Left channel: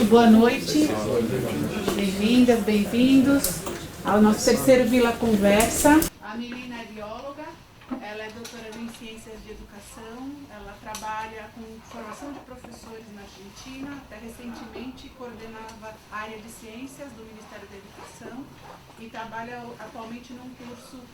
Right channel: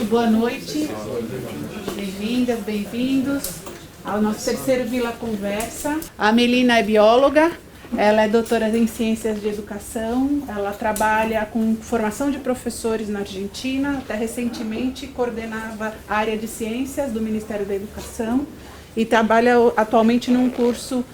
Boa noite, bem-vindas, bem-vindos ao nosso terceiro Vila Conversa. A Melina é bióloga, ela é doutora em Ciências de Educação, ela trabalha com formação de professores na Argentina, até recentemente coordenava a área de Ciências do Ministério da Educação e trabalha atualmente num curso,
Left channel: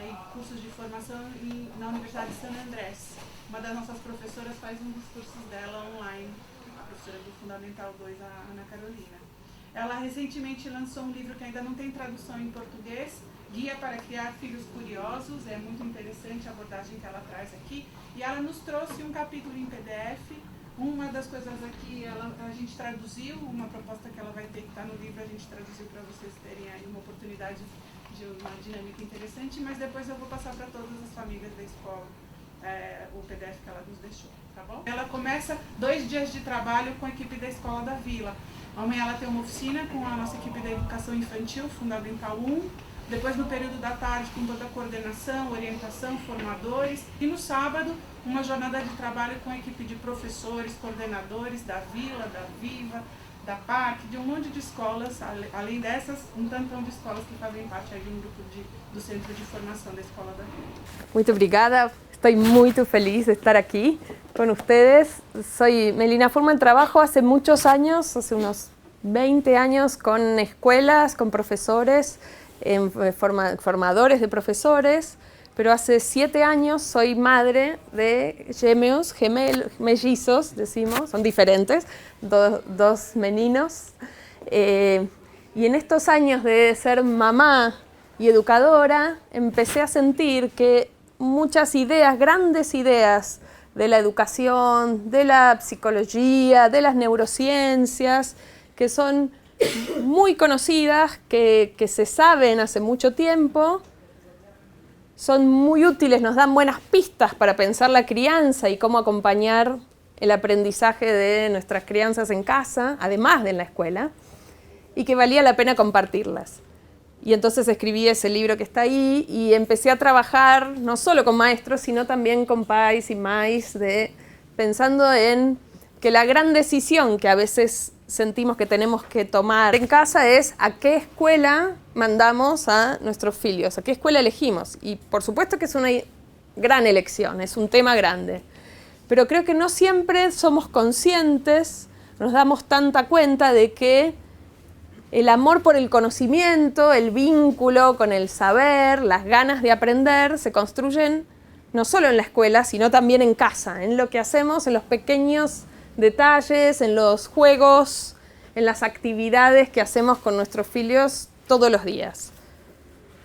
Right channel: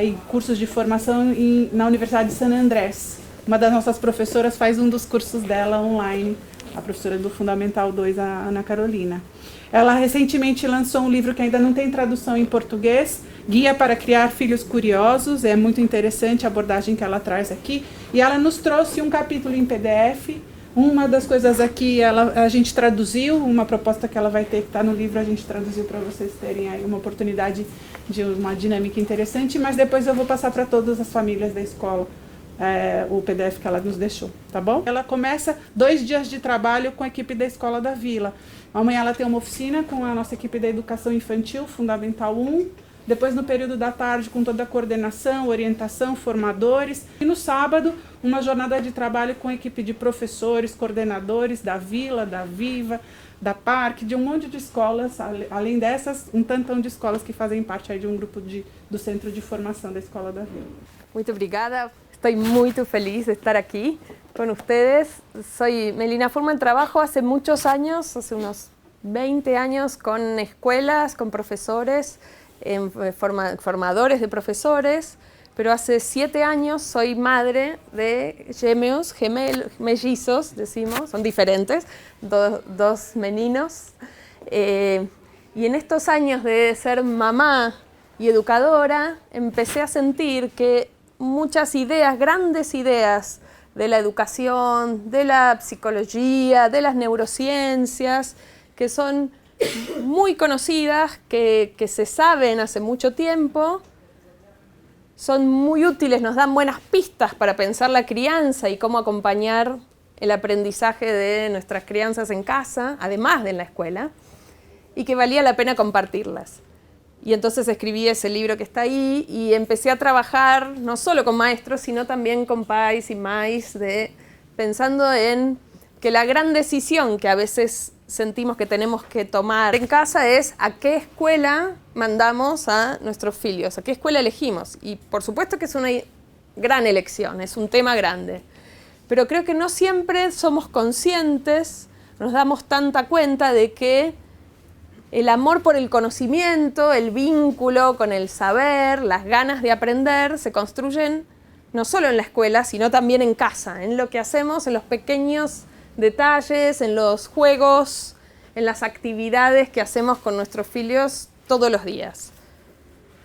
em cursos de formação na Universidade de San Andrés. Uma das nossas professoras faz um dos cursos dela online, a professora do Fundamental 2, a Ana Carolina. Ela recentemente lançou um livro que ainda não tem tradução em português, Guia para Criar Filhos Curiosos. É muito interessante a abordagem que ela traz aqui. E ela nos trouxe um capítulo em PDF. Uma das coisas aqui, a gente traduziu, uma proposta que ela vai ter que está no livro, a gente traduziu para vocês terem aí uma oportunidade de uma dinâmica interessante, mas depois eu vou passar para todas as famílias da escola. O PDF que ela nos deixou, tá bom? Ela começa 2 dias de trabalho com a equipe da Escola da Vila. Amanhã ela tem uma oficina com a nossa equipe da Educação Infantil, Fundamental 1. Depois, no período da tarde, com toda a coordenação, orientação, formadores. E no sábado, uma jornada de trabalho com a equipe de professores, coordenadores da Vila, da Viva, da Parque, de um monte de escolas, além dessas, um tantão de escolas que fazem parte aí de um grupo do Centro de Formação da Escola da Vila. Muito obrigada. Estoy muy feliz de estar aquí con ustedes. Soy Melina Furman, trabajo hace muchos años, hace unos 20 años, con escuelas, con profesores, formadores de profesores, pero hace 7 años soy madre de gemelos, mellizos, decimos, son diferentes, dos meninos. Y en estos años de ser mamá y educadora, empecé a sentir que muchas ideas, grandes ideas de la educación, de la psicología, de las neurociencias, que son muy conocidas, que se saben hace mucho tiempo, son muy útiles, nos dan buenas pistas para pensar la crianza y cómo acompañar el aprendizaje de nuestras crianzas en casa, además de en la escuela, y que valía la pena compartirlas. Y entonces escribí ese libro que está ahí y empecé a trabajar no solo con maestros, sino también con pais y mais, pensando en que la gran decisión que a veces sentimos que tenemos que tomar en casa es a qué escuela mandamos a nuestros hijos, a qué escuela elegimos. Y por supuesto que es una gran elección, es un tema grande. Pero creo que no siempre somos conscientes, nos damos tanta cuenta de que el amor por el conocimiento, el vínculo con el saber, las ganas de aprender, se construyen no solo en la escuela, sino también en casa, en lo que hacemos, en los pequeños detalles, en los juegos, en las actividades que hacemos con nuestros hijos todos los días.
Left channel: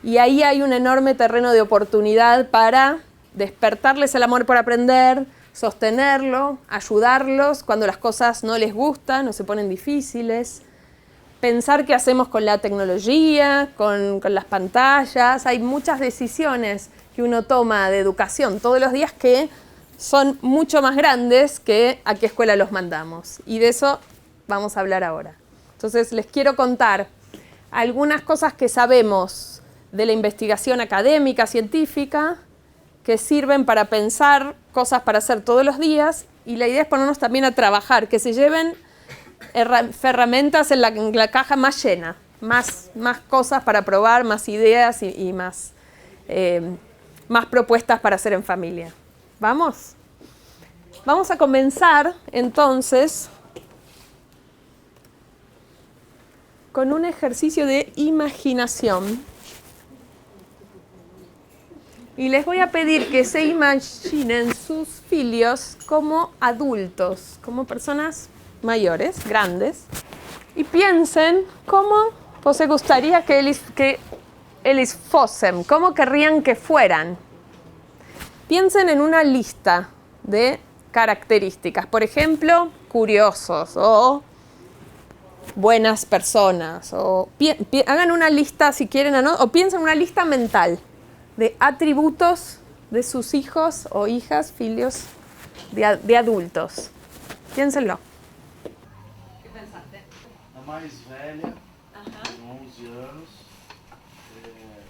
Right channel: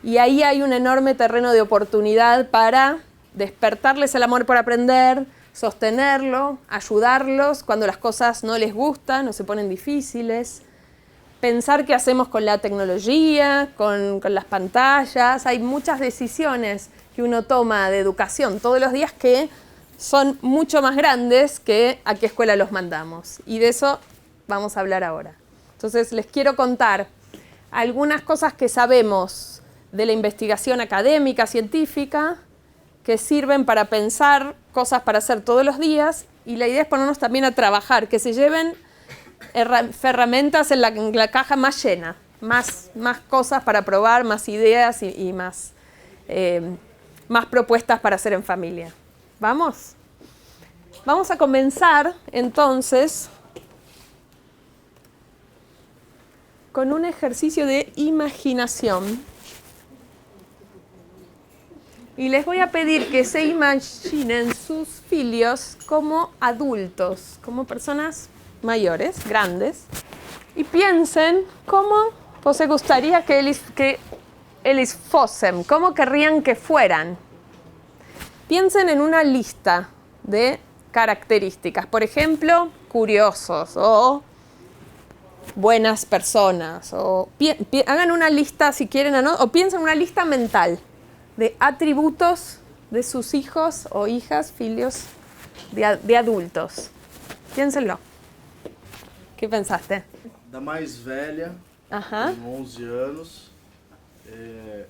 Y ahí hay un enorme terreno de oportunidad para despertarles el amor por aprender, sostenerlo, ayudarlos cuando las cosas no les gustan o se ponen difíciles. Pensar qué hacemos con la tecnología, con las pantallas. Hay muchas decisiones que uno toma de educación todos los días que son mucho más grandes que a qué escuela los mandamos. Y de eso vamos a hablar ahora. Entonces les quiero contar algunas cosas que sabemos de la investigación académica, científica, que sirven para pensar cosas para hacer todos los días. Y la idea es ponernos también a trabajar, que se lleven herramientas en la caja más llena, más cosas para probar, más ideas y más propuestas para hacer en familia. ¿Vamos? Vamos a comenzar entonces con un ejercicio de imaginación. Y les voy a pedir que se imaginen sus hijos como adultos, como personas mayores, grandes, y piensen cómo les gustaría que ellos fuesen, cómo querrían que fueran. Piensen en una lista de características, por ejemplo, curiosos o buenas personas, o hagan una lista si quieren o piensen en una lista mental de atributos de sus hijos o hijas, hijos de adultos. Piénsenlo. ¿Qué pensaste? Da mais velha, tem 11 anos,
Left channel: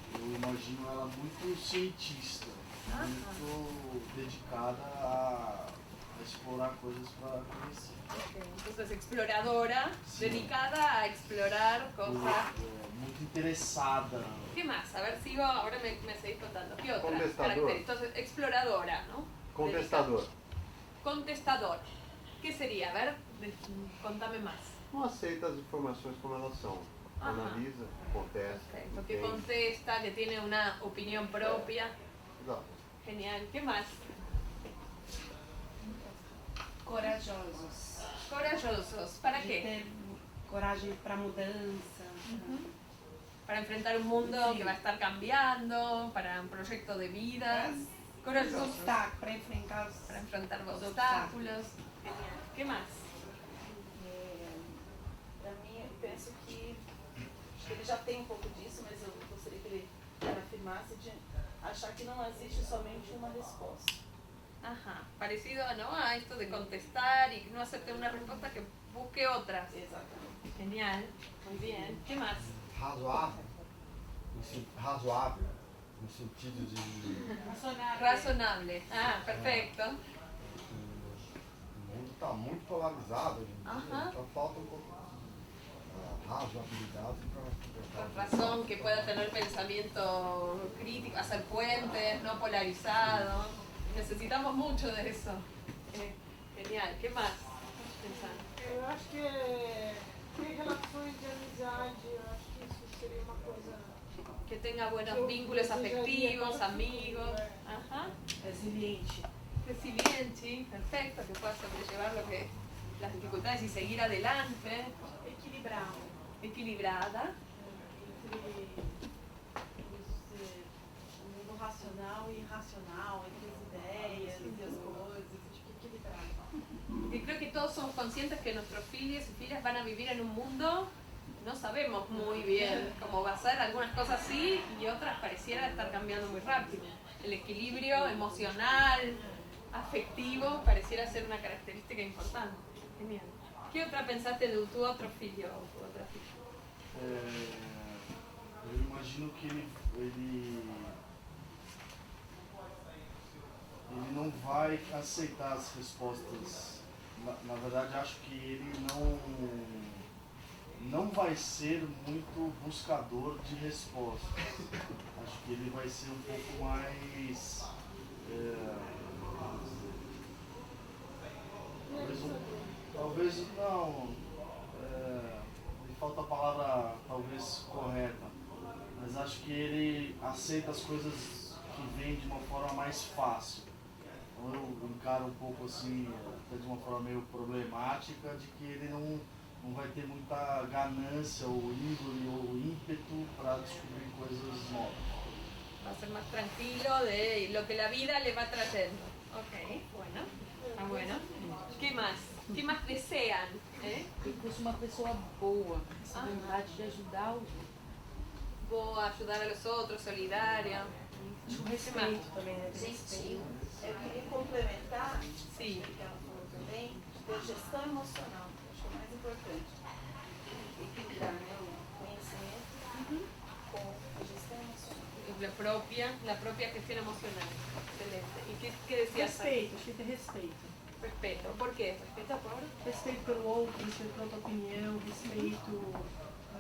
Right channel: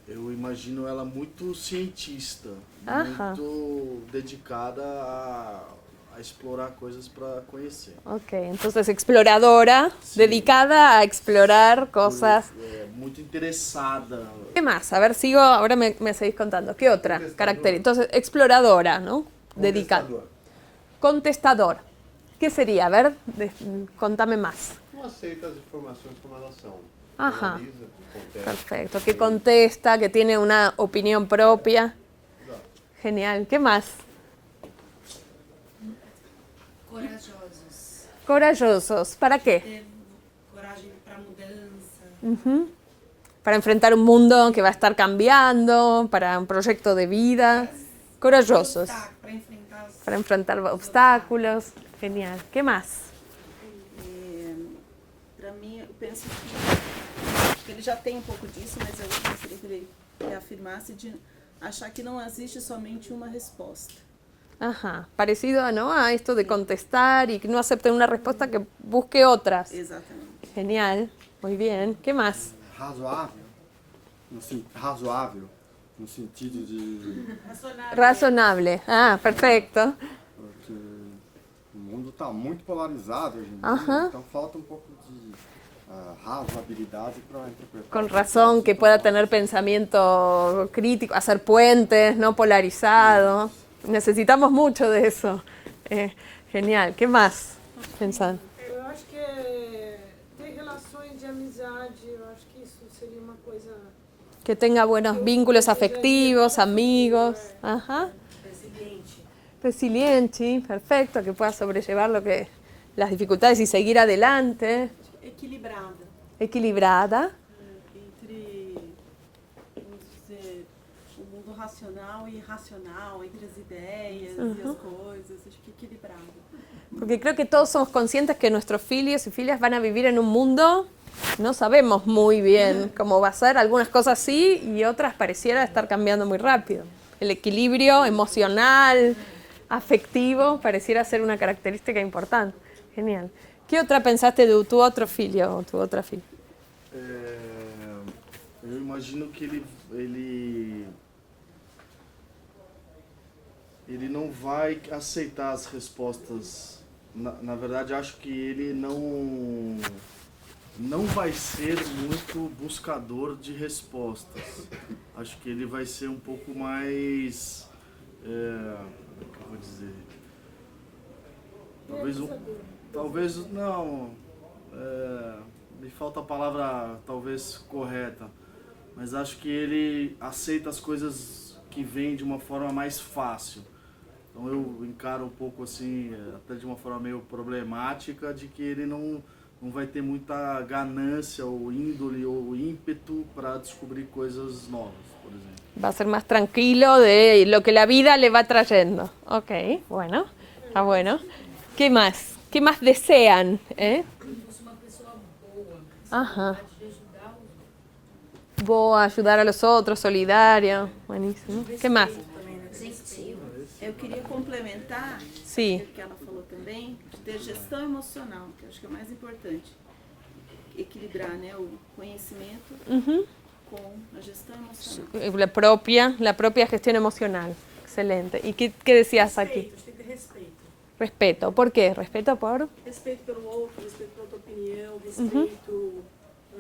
eu imagino ela muito cientista, muito dedicada a explorar coisas para conhecer. Ok, entonces exploradora, Sí. dedicada a explorar cosas. Muito interessada. ¿Qué más? A ver, sigo, ahora me seguís contando. ¿Qué otra característica? Entonces, exploradora, ¿no? Dedicada. Contestador. ¿Qué sería? A ver, contame más. Não aceita as informações como elas são. Ajá. Analisa, contesta. Perfecto, que contesta, que tiene una opinión propia. Genial. ¿Qué más? Corajosos. Corajosos. ¿Para qué? Ter coragem para mudança. Ujú. Para enfrentar un mundo que va a estar cambiando, para un proyecto de vida. Corajosos. Para enfrentar os Para enfrentar obstáculos. Genial. ¿Qué más? Para mim, eu penso que ele já tem um pouco disso, mas eu gostaria que ele reafirmasse de achar que não existe somente uma resposta. Ajá. Parecido, ¿no?, a esto de contestar y que no acepten una respuesta, que busque otras. Exatamente. Genial. Muy bien. ¿Qué más? Razoável, razoável, no sentido de Razonable. Ah, perfecto. que o mundo está muito polarizado hoje em dia, Ajá. então falta um pouco de razoabilidade para interpretar. Con razón, que pueda tener pensamiento crítico, hacer puentes, no polarizado. Necesitamos mucho de eso. Genial. ¿Qué más? Pensan. Eu acho que ter relações de amizade, eu acho que isso seria uma coisa. Que tenga buenos vínculos afectivos, amigos. Ajá. resiliente. Resiliente, perfecto, que pueda sobrellevar las dificultades y seguir adelante. Equilibrado. Equilibrada. Entre o mundo racional e irracional, entre as ideias e as coisas, acho que equilibrado. Porque creo que todos somos conscientes que nuestros filios y filias van a vivir en un mundo, no sabemos muy bien cómo va a ser, algunas cosas sí y otras pareciera estar cambiando muy rápido. El equilibrio emocional, afectivo, pareciera ser una característica importante. Genial. ¿Qué otra pensaste de tu otro filio o tu otra filia? Eu imagino que ele não vai aceitar as respostas. Na verdade, acho que ele não vai ser muito buscador de respostas. Acho que ele vai ser um pouco mais, como vou dizer, talvez não, me falta a palavra talvez correta, mas acho que ele aceita as coisas que vêm de uma forma mais fácil. Então eu encaro um pouco assim, até de uma forma meio problemática, de que ele não vai ter muita ganância ou índole ou ímpeto para descobrir coisas novas, por exemplo. Va a ser más tranquilo de lo que la vida le va trayendo. Ok, bueno, está bueno. ¿Qué más? ¿Qué más desean? Ele fosse uma pessoa boa. Ajá. Vontade de ajudar o Boa, ayudar a los otros, solidario. Buenísimo. ¿Qué más? também, né? Sensitivo. Eu queria complementar Sí. o que ela falou também, de ter gestão emocional, que eu acho que é o mais importante. Equilibrar, né, o conhecimento Ujú. com a gestão emocional. La propia gestión emocional. Excelente. ¿Y qué decías aquí? Respeito, acho que ter respeito. Respeto. ¿Por qué? ¿Respeto por? Respeito pelo outro, respeito pela tua opinião, respeito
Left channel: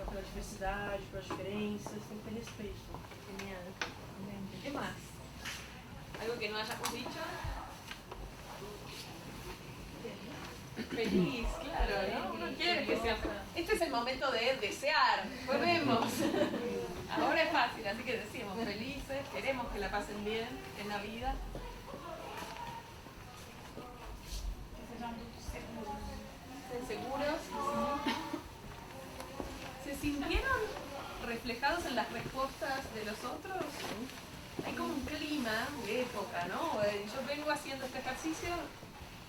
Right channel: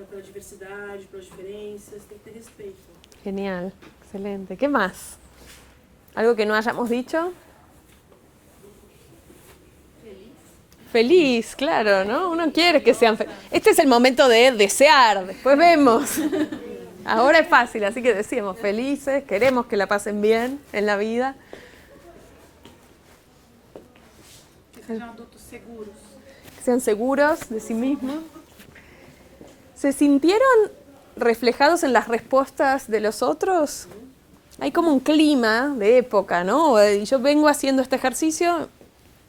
pela diversidade, pelas diferenças, tem que ter respeito. Genial. Excelente. ¿Qué más? ¿Algo que no hayamos dicho? Feliz, claro, ¿no? Uno quiere que sean felices. Este es el momento de desear, después vemos. Ahora es fácil, así que decimos felices, queremos que la pasen bien en la vida. Que sejam adultos seguros. Que sean seguros de sí mismos. ¿Se sintieron reflejados en las respuestas de los otros? Hay como un clima de época, ¿no? Y yo vengo haciendo este ejercicio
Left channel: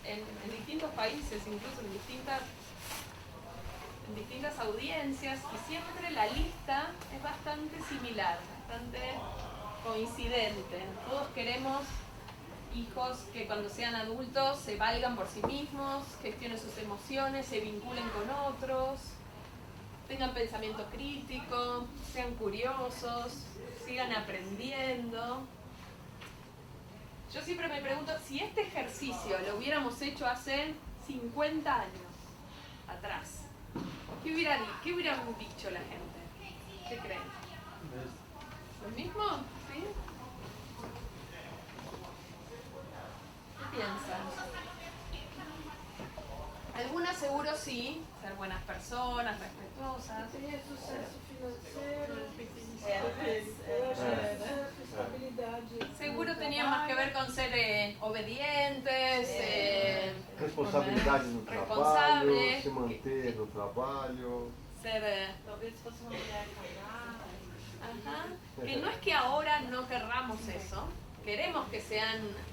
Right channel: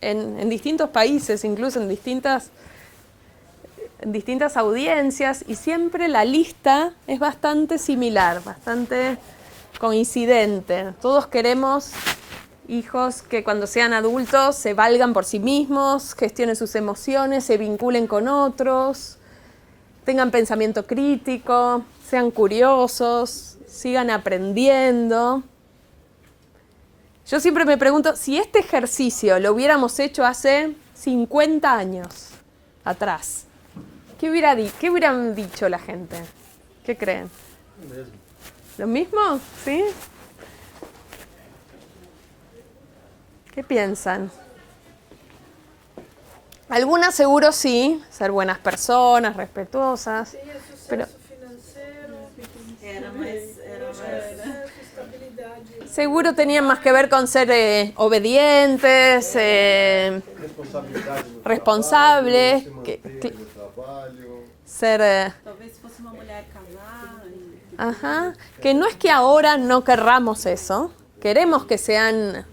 en distintos países, incluso en distintas audiencias, y siempre la lista es bastante similar, bastante coincidente. Todos queremos hijos que cuando sean adultos se valgan por sí mismos, gestionen sus emociones, se vinculen con otros, tengan pensamiento crítico, sean curiosos, sigan aprendiendo. Yo siempre me pregunto, si este ejercicio lo hubiéramos hecho hace 50 años atrás, ¿qué hubieran dicho la gente? ¿Qué creen? ¿Lo mismo? ¿Sí? ¿Qué piensan? Algunas seguro sí, ser buenas personas, respetuosas, pero seguro tenían más que ver con ser obedientes, responsables, ser... Talvez fosse uma mulher casada. Ajá, que no es que ahora no querramos eso, queremos que sean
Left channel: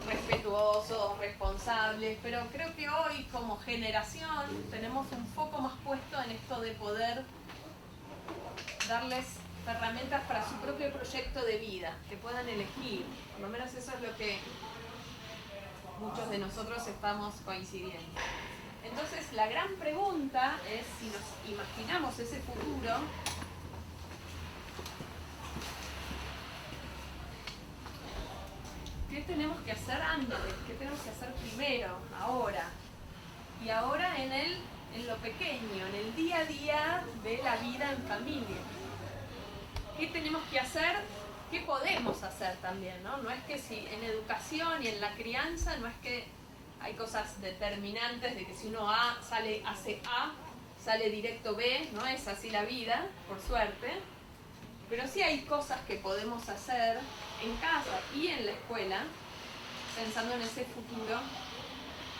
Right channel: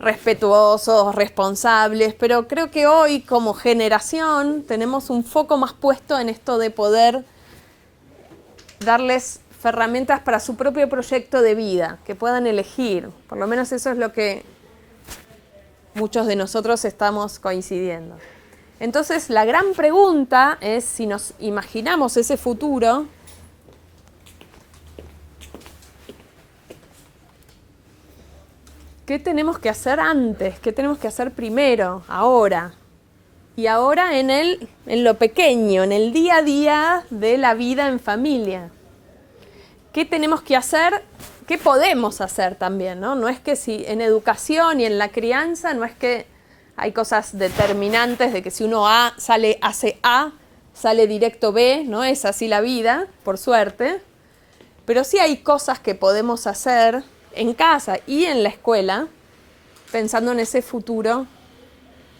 respetuosos, responsables, pero creo que hoy como generación tenemos un foco más puesto en esto de poder darles herramientas para su propio proyecto de vida, que puedan elegir. Por lo menos eso es lo que muchos de nosotros estamos coincidiendo. Entonces, la gran pregunta es si nos imaginamos ese futuro, ¿qué tenemos que hacer antes? ¿Qué tenemos que hacer primero, ahora? Y ahora en lo pequeño, en el día a día de la vida en familia. ¿Qué tenemos que hacer? ¿Qué podemos hacer también? No es que si en educación y en la crianza, no es que hay cosas determinantes de que si uno hace A, sale directo B, no es así la vida, por suerte. Pero sí hay cosas que podemos hacer en casa y en la escuela, pensando en ese futuro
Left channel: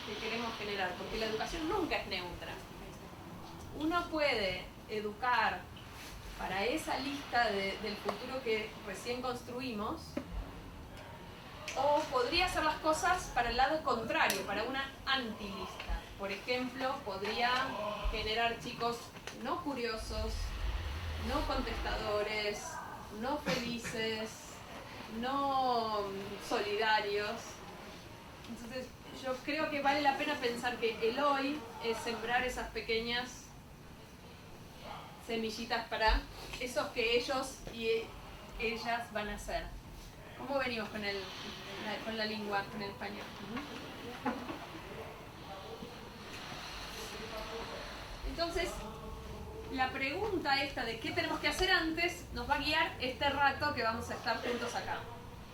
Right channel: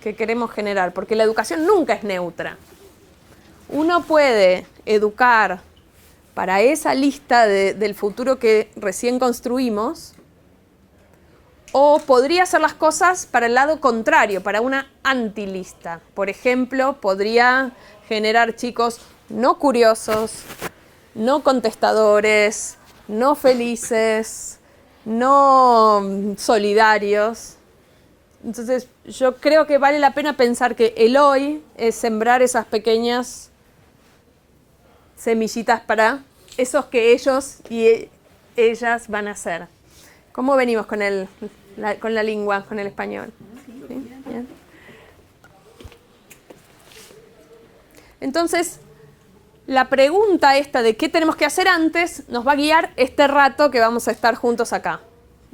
que queremos generar, porque la educación nunca es neutra. Uno puede educar para esa lista del futuro que recién construimos, o podría hacer las cosas para el lado contrario, para una antilista. Por ejemplo, podría generar chicos no curiosos, no contestadores, no felices, no solidarios. Entonces, yo creo que vale la pena pensar que el hoy es sembrar esas pequeñas semillitas para esos que ellos y ellas van a ser. ¿Cómo venimos con la lengua, con el español? ¿Sí? Bien. Entonces, la pregunta esta de qué tenemos que hacer antes nos va a guiar este rato que vamos a estar juntos acá.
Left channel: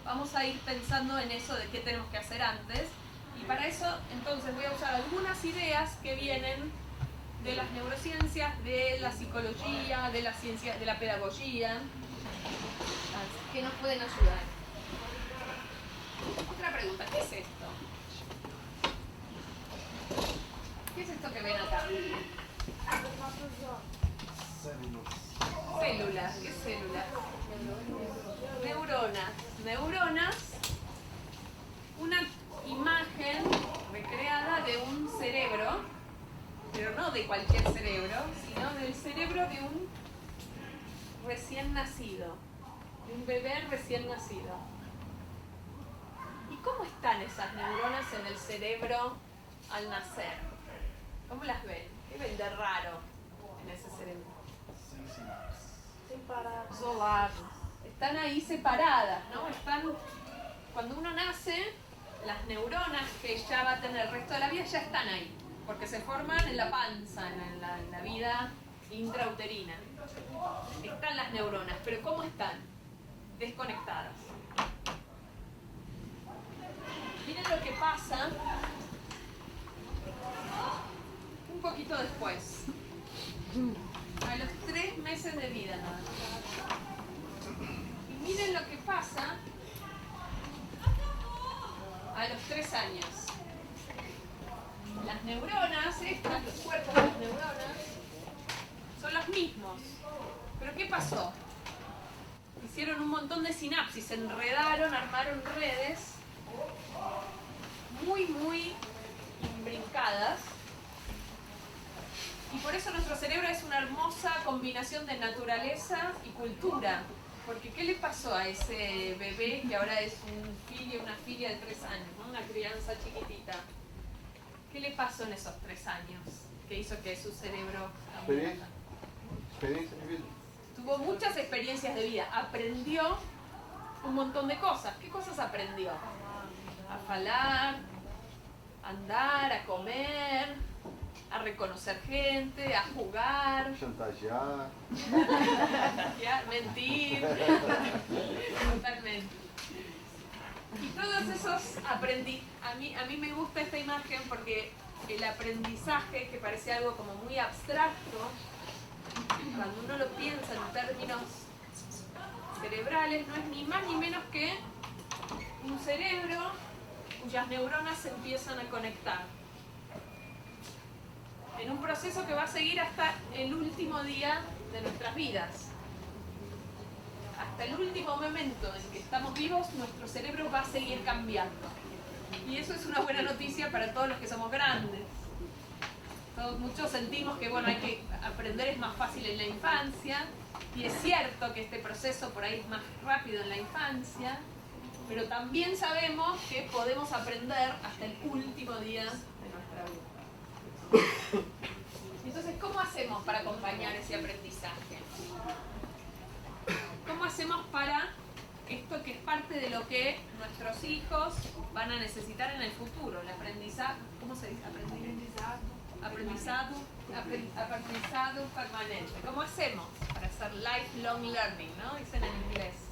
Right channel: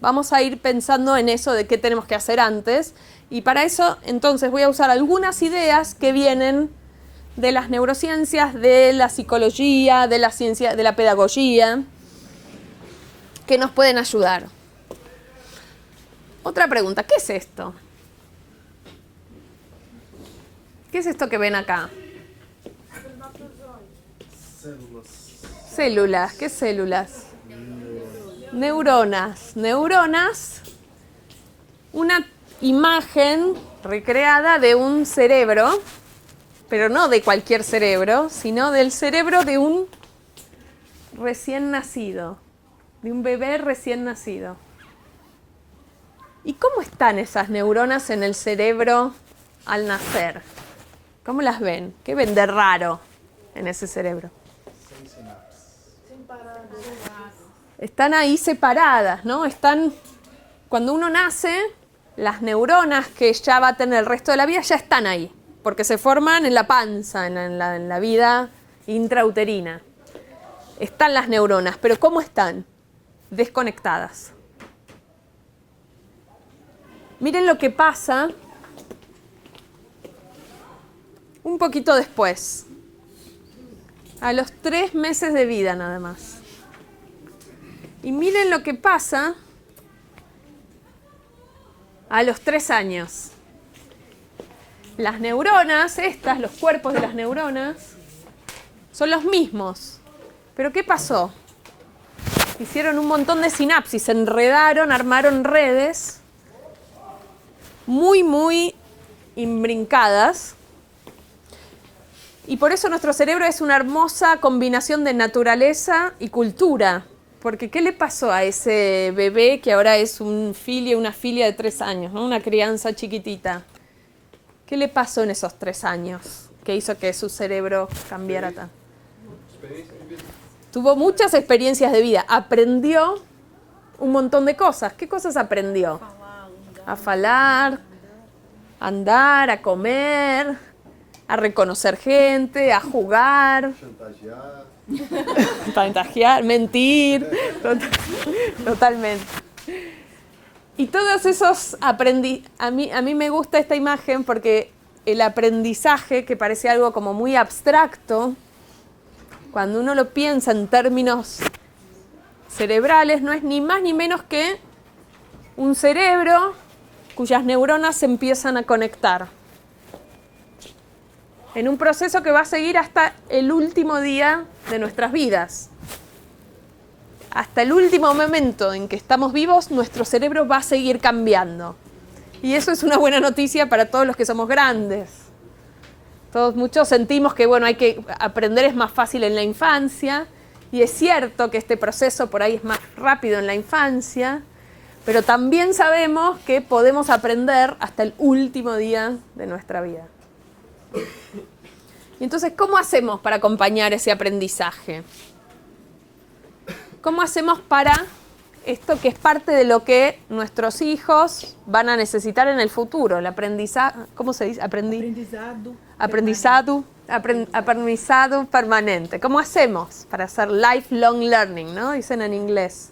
Vamos a ir pensando en eso de qué tenemos que hacer antes, y para eso entonces voy a usar algunas ideas que vienen de las neurociencias, de la psicología, de la ciencia, de la pedagogía, que nos pueden ayudar. Otra pregunta, ¿qué es esto? ¿Qué es esto que ven acá? Células, ¿qué células? Neuronas. Neuronas, una imagen recreada de un cerebro, pero no de cualquier cerebro, sino del cerebro de un recién nacido, de un bebé recién nacido. ¿Y cómo están esas neuronas en el cerebro al nacer? ¿Cómo las ven? ¿Qué ven de raro en ese cerebro? Están ahí separadas, ¿no? Cuando uno nace, las neuronas que ya va a tener el resto de la vida ya están ahí, porque se forman en la panza, en la vida intrauterina. Están las neuronas, pero ¿cómo están? Desconectadas. Miren lo que pasa un poquito después, a los 3 meses de vida nada más. Y miren lo que pasa a los 3 años. Las neuronas, los cuerpos de las neuronas, son los mismos. ¿Pero qué pasó? Hicieron un montón de sinapsis, se enredaron, armaron redes muy, muy imbrincadas. Y por eso nuestro cerebro es una hermosa combinación de naturaleza y cultura. Porque ¿qué le pasó a ese bebé que ahora es una filia de 3 años, ¿no? Una crianza chiquitita? ¿Qué le pasó en esos 3 años que hizo que su cerebro cambiara tanto? Tuvo muchas experiencias de vida, aprendió un montón de cosas. ¿Qué cosas aprendió? a falar, a andar, a comer, a reconocer gente, a jugar, chantajear, mentir, totalmente. Y todos esos a mí me gusta esta imagen porque el aprendizaje, que parece algo como muy abstracto, cuando uno lo piensa en términos cerebrales, no es ni más ni menos que un cerebro cuyas neuronas se empiezan a conectar en un proceso que va a seguir hasta el último día de nuestras vidas. Hasta el último momento en que estamos vivos, nuestro cerebro va a seguir cambiando. Y eso es una buena noticia para todos los que somos grandes. Muchos sentimos que hay que aprender es más fácil en la infancia, y es cierto que este proceso por ahí es más rápido en la infancia, pero también sabemos que podemos aprender hasta el último día de nuestra vida. Y entonces, ¿cómo hacemos para acompañar ese aprendizaje? ¿Cómo hacemos para esto que es parte de lo que nuestros hijos van a necesitar en el futuro? El aprendizaje, ¿cómo se dice? Aprendizado permanente. ¿Cómo hacemos para hacer lifelong learning, ¿no? Dicen en inglés.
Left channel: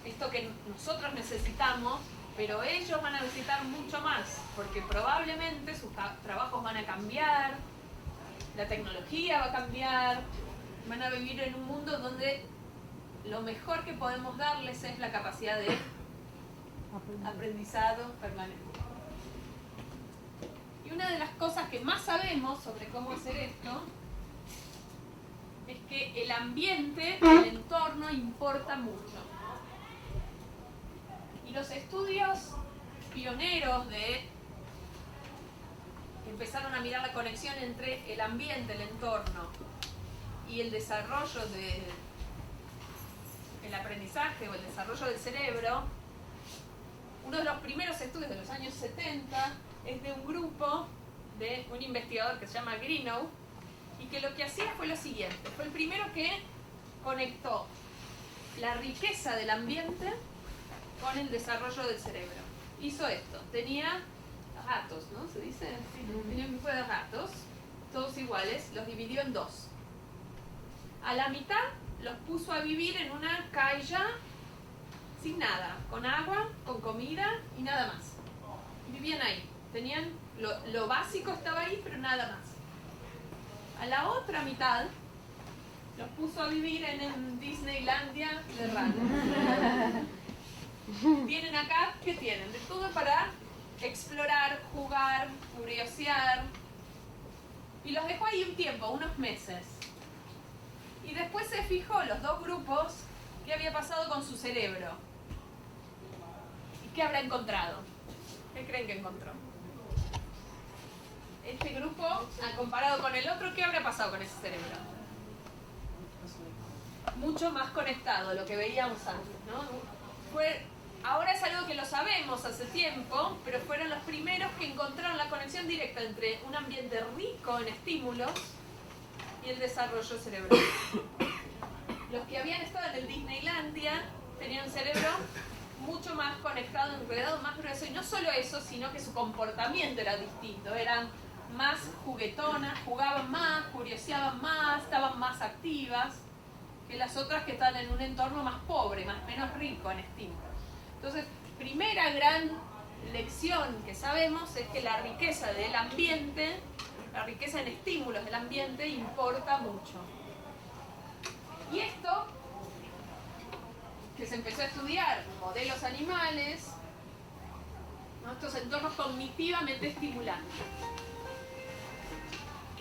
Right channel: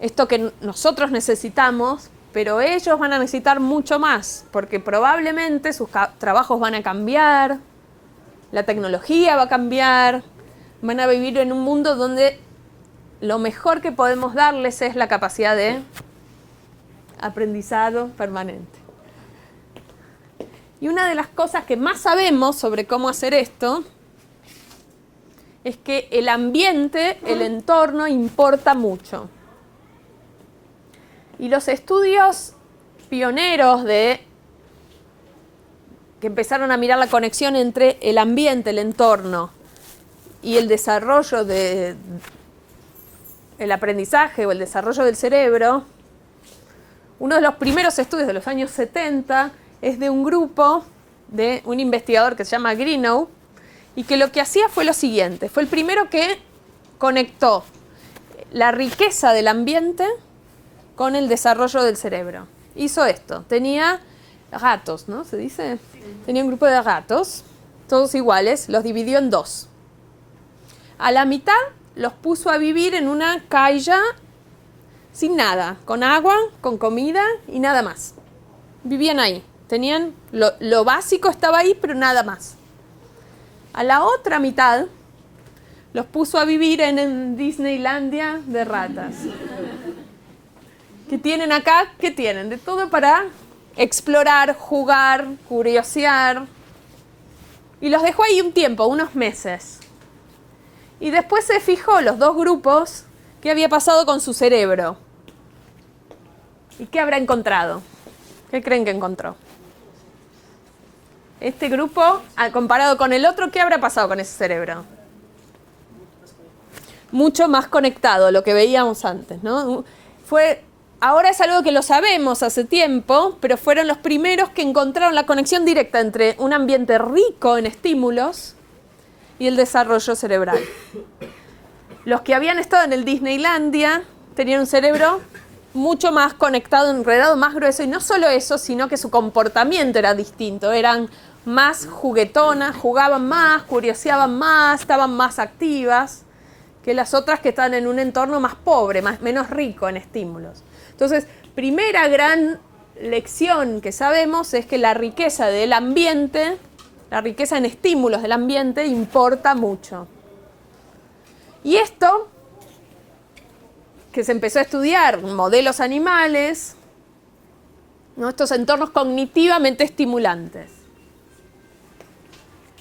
Esto que nosotros necesitamos, pero ellos van a necesitar mucho más, porque probablemente sus trabajos van a cambiar, la tecnología va a cambiar, van a vivir en un mundo donde lo mejor que podemos darles es la capacidad de aprendizado permanente. Y una de las cosas que más sabemos sobre cómo hacer esto es que el ambiente, el entorno, importa mucho. Y los estudios pioneros que empezaron a mirar la conexión entre el ambiente, el entorno y el desarrollo el aprendizaje o el desarrollo del cerebro, uno de los primeros estudios de los años 70 es de un grupo de un investigador que se llama Greenough, y que lo que hacía fue lo siguiente: fue el primero que conectó la riqueza del ambiente con el desarrollo del cerebro. Hizo esto. Tenía gatos, ¿no? ¿Se dice? Tenía un grupo de gatos, todos iguales, los dividió en dos. A la mitad los puso a vivir en una calla sin nada, con agua, con comida y nada más. Vivían ahí. Tenían lo básico, estaba ahí, pero nada más. A la otra mitad los puso a vivir en Disneylandia de ratas. ¿Qué tienen acá? ¿Qué tienen? De todo para explorar, jugar, curiosear. Y los dejó ahí un tiempo, unos meses. Y después se fijó los dos grupos qué había pasado con su cerebro. ¿Y qué habrá encontrado? ¿Qué creen que encontró? Este grupo, comparado con el otro, ¿qué habrá pasado con ese cerebro? Mucho más conectado, lo que veíamos antes, ¿no? Ahora es algo que lo sabemos hace tiempo, pero fueron los primeros que encontraron la conexión directa entre un ambiente rico en estímulos y el desarrollo cerebral. Los que habían estado en el Disneylandia tenían un cerebro mucho más conectado, enredado, más grueso, y no solo eso, sino que su comportamiento era distinto. Eran más juguetonas, jugaban más, curioseaban más, estaban más activas que las otras que están en un entorno más pobre, menos rico en estímulos. Entonces, primera gran lección que sabemos es que la riqueza del ambiente, la riqueza en estímulos del ambiente, importa mucho. Y esto, que se empezó a estudiar en modelos animales, ¿no? Estos entornos cognitivamente estimulantes.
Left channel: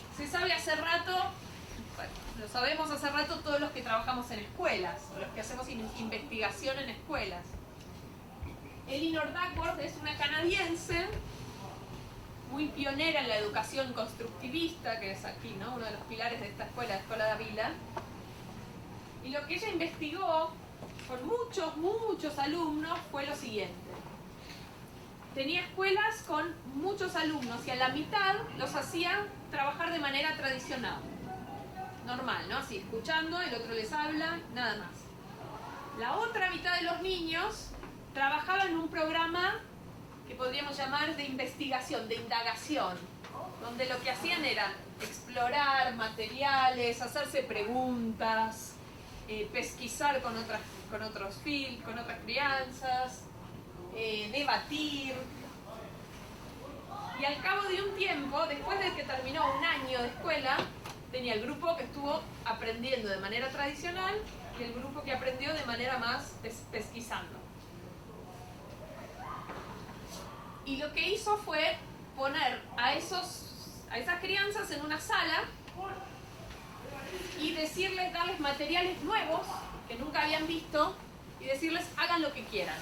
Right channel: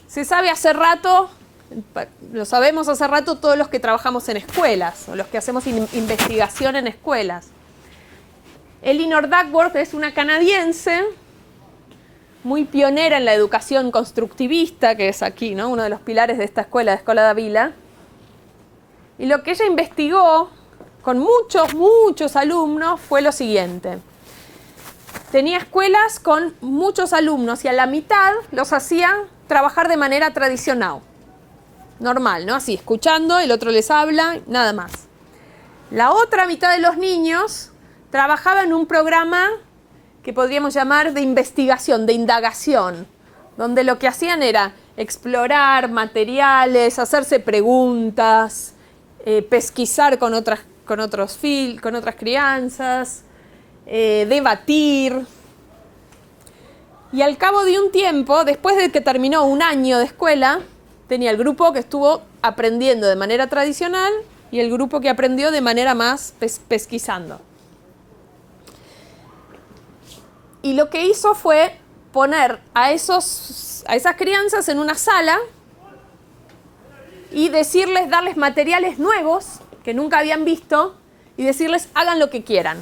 Se sabe hace rato, lo sabemos hace rato todos los que trabajamos en escuelas o los que hacemos investigación en escuelas. Elinor Duckworth es una canadiense muy pionera en la educación constructivista, que es aquí, ¿no? Uno de los pilares de esta escuela, de Escola da Vila. Y lo que ella investigó con muchos alumnos fue lo siguiente. Tenía escuelas con muchos alumnos y a la mitad los hacía trabajar de manera tradicional, normal, ¿no? Así, escuchando, el otro les habla, nada más. La otra mitad de los niños trabajaba en un programa que podríamos llamar de investigación, de indagación, donde lo que hacían era explorar materiales, hacerse preguntas, pesquisar con otras crianzas, debatir. Y al cabo de un tiempo, después de que terminó un año de escuela, tenía el grupo que estuvo aprendiendo de manera tradicional y el grupo que aprendió de manera más pesquisando. Y lo que hizo fue poner a esas crianzas en una sala y darles materiales nuevos que nunca habían visto y decirles hagan lo que quieran.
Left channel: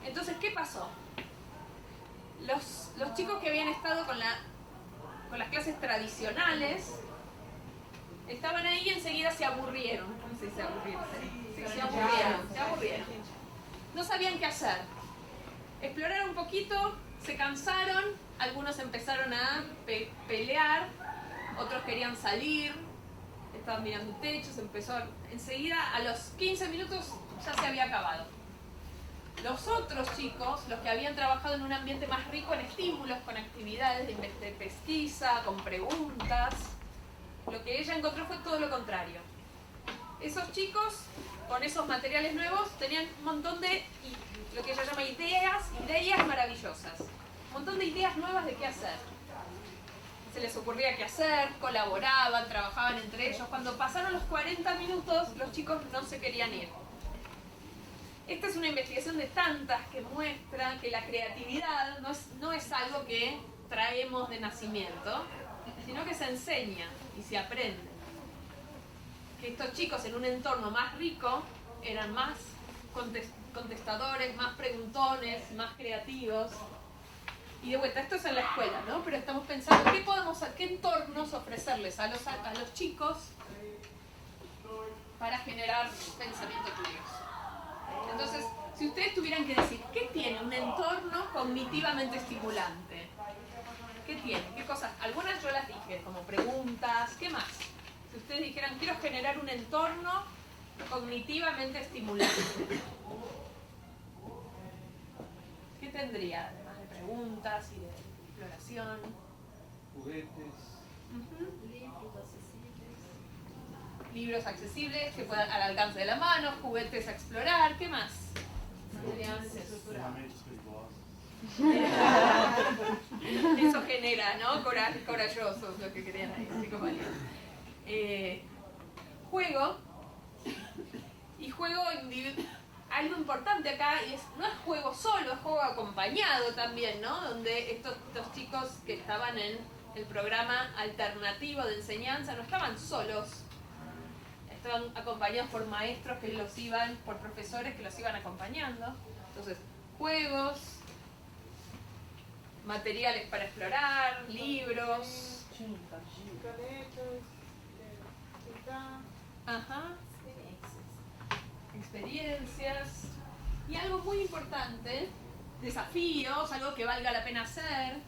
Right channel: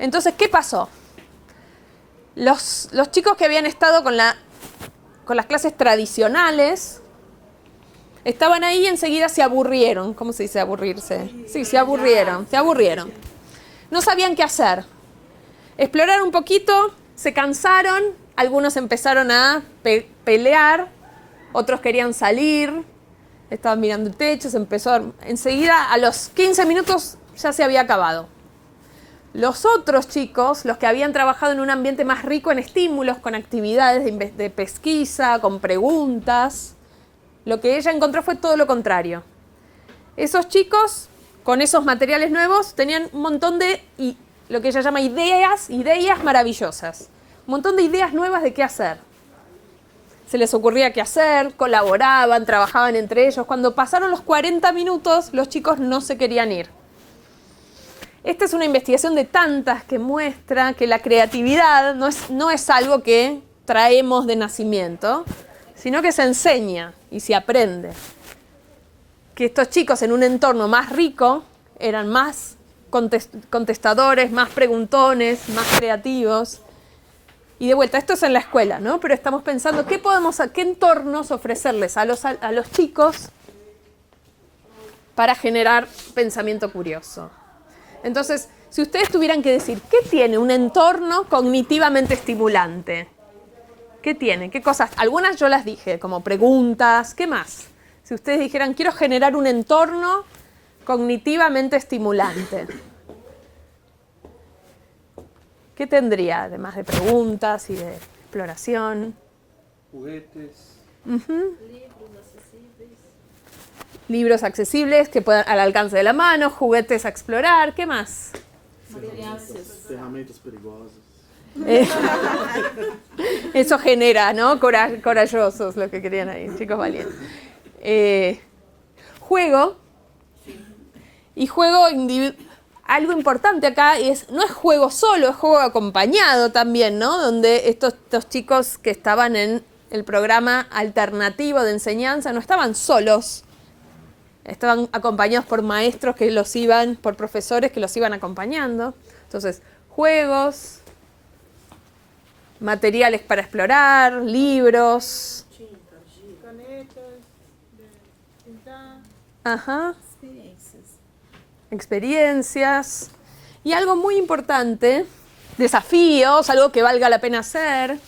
Entonces, ¿qué pasó? Los chicos que habían estado con las clases tradicionales estaban ahí y enseguida se aburrieron. ¿Cómo se dice aburrirse? Sí, se aburrieron. No sabían qué hacer. Exploraron un poquito, se cansaron, algunos empezaron a pelear, otros querían salir, estaban mirando el techo, enseguida a los 15 minutos ya se había acabado. Los otros chicos, los que habían trabajado en un ambiente más rico en estímulos, con actividades de pesquisa, con preguntas, lo que ella encontró fue todo lo contrario. Esos chicos, con esos materiales nuevos, tenían un montón de, lo que ella llama ideas maravillosas. Un montón de ideas nuevas de qué hacer. Se les ocurría qué hacer, colaboraban, trabajaban entre ellos. Cuando pasaron los 40 minutos, los chicos no se querían ir. Esta es una investigación de tantas que muestra que la creatividad no es algo que traemos de nacimiento, sino que se enseña y se aprende. Que estos chicos en un entorno más rico eran más contestadores, más preguntones, más creativos. Y de vuelta, esto es en la escuela, ¿no? Pero estamos pensando qué entornos ofrecerles a los chicos para generar pensamiento curioso. Entonces, si ustedes tuvieran que decir, ¿qué tiene un entorno cognitivamente estimulante? ¿Qué tiene? ¿Qué cosas? Algunas yo las dije, como preguntas. ¿Qué más? Si ustedes dijeran, quiero generar un entorno cognitivamente estimulante, ¿qué tendría? Además de preguntas y de exploración. Juguetes. Libros accesibles que puedan al alcance de la mano, juguetes a explorar, ¿qué más? Ferramentas perigosas. Eso genera, ¿no? Corajosos, lo que querían ahí, chicos valientes. Juego. Y juego algo importante acá no es juego solo, es juego acompañado también, ¿no? Donde estos chicos que estaban en el programa alternativo de enseñanza no estaban solos. Estaban acompañados por maestros por profesores que los iban acompañando. Entonces, juegos, materiales para explorar, libros. Ajá. Experiencias. Y algo muy importante, desafíos, algo que valga la pena hacer.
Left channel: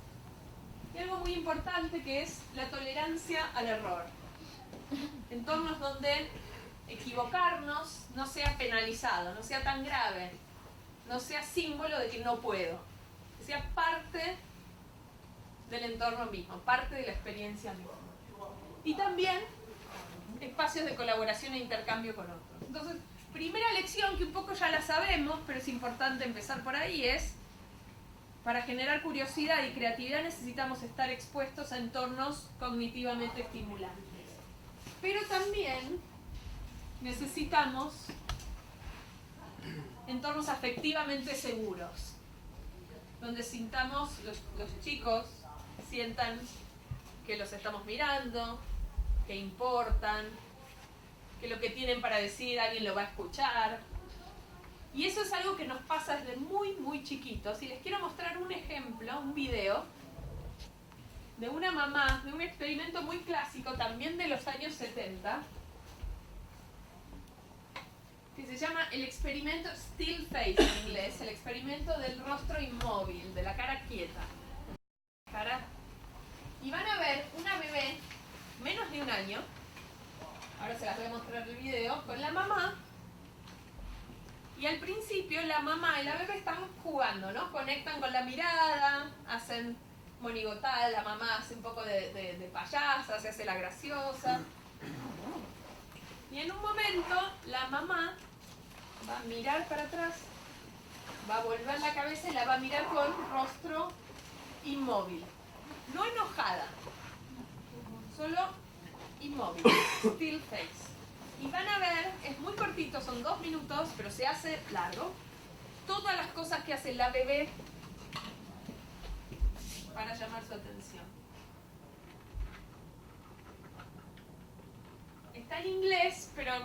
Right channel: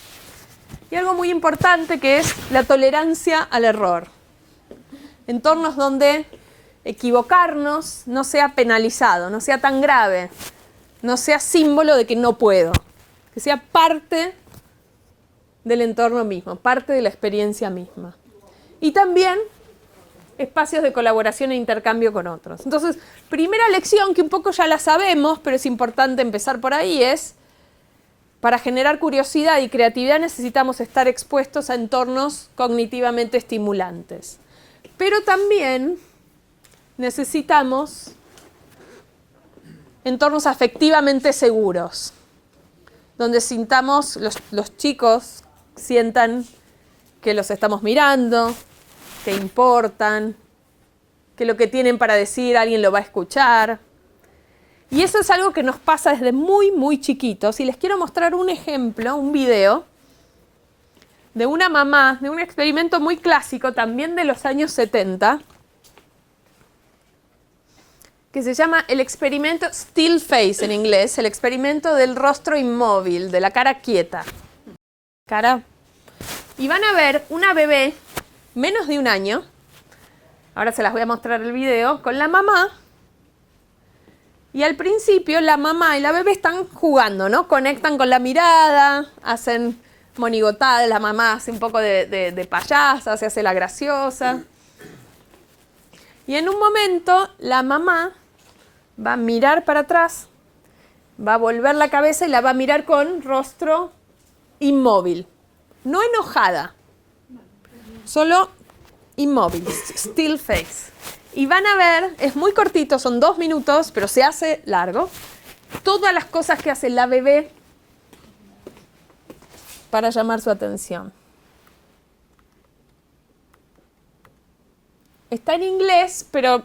Y algo muy importante que es la tolerancia al error. Entornos donde equivocarnos no sea penalizado, no sea tan grave, no sea símbolo de que no puedo, que sea parte del entorno mismo, parte de la experiencia misma. Y también espacios de colaboración e intercambio con otros. Entonces, primera lección, que un poco ya la sabemos, pero es importante empezar por ahí, es para generar curiosidad y creatividad necesitamos estar expuestos a entornos cognitivamente estimulantes. Pero también necesitamos entornos afectivamente seguros, donde sintamos, los chicos sientan que los estamos mirando, que importan, que lo que tienen para decir alguien lo va a escuchar. Y eso es algo que nos pasa desde muy, muy chiquitos. Y les quiero mostrar un ejemplo, un video, de una mamá, de un experimento muy clásico, también de los años 70, que se llama el experimento Still Face en inglés, el experimento del rostro inmóvil, de la cara quieta. Y van a ver una bebé, menos de un año, ahora se las voy a mostrar el video, con la mamá, Y al principio la mamá y la bebé están jugando, ¿no? Conectan con la mirada, hacen monigotadas, la mamá hace un poco de payasa, se hace la graciosa. Y en un momento la mamá va a mirar para atrás, va a volver la cabeza y la va a mirar con rostro inmóvil. No enojada, solo inmóvil, still face. Y van a ver, es muy cortito, son 2 minutos, pero se hace largo, todas las cosas que hace la bebé para llamar su atención. Está en inglés, pero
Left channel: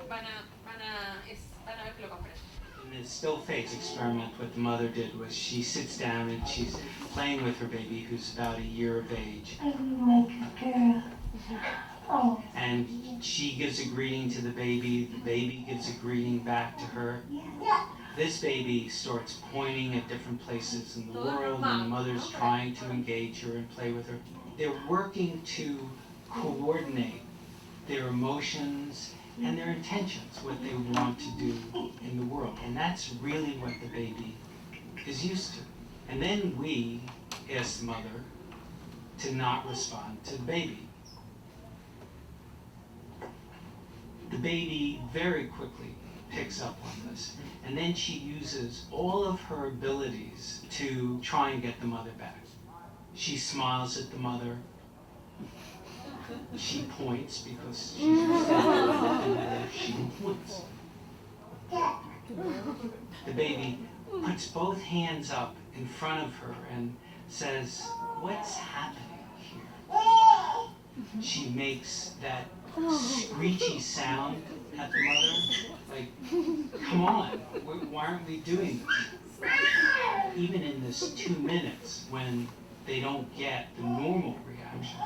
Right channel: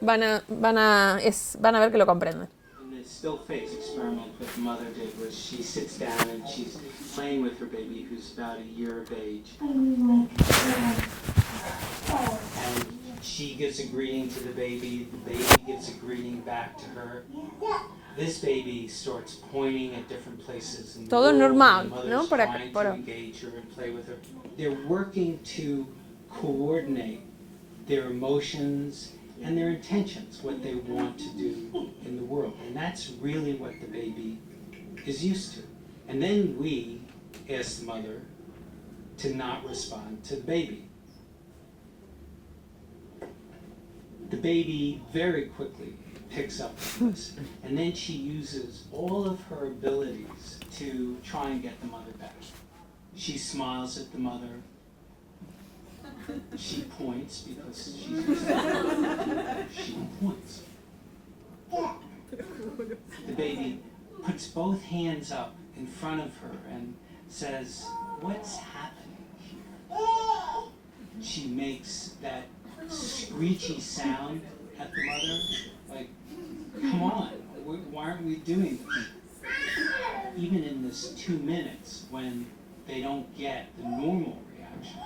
van a ver que lo comprenden. The still face experiment what the mother did was she sits down and she's playing with her baby who's about a year of age. And she gives a greeting to the baby gives a greeting back to her. This baby starts pointing at different places in the Todo world, normal, and the mother's ¿no? trying to engage her and play with her. They're working to coordinate their emotions and their intentions, what they want to do in the world. And that's really what the baby is used to. And then we ask the mother to not respond to the baby. The baby very quickly picks up on this, and then she uses all of her abilities to try and get the mother back. She smiles at the mother. She points because she's used to it. She points. The baby puts both hands up in front of her and says, "What's happening here?" She makes that screechy sound at the mother, like, come on, why aren't we doing this? Even in this 2 minutes, when they don't get the normal reaction,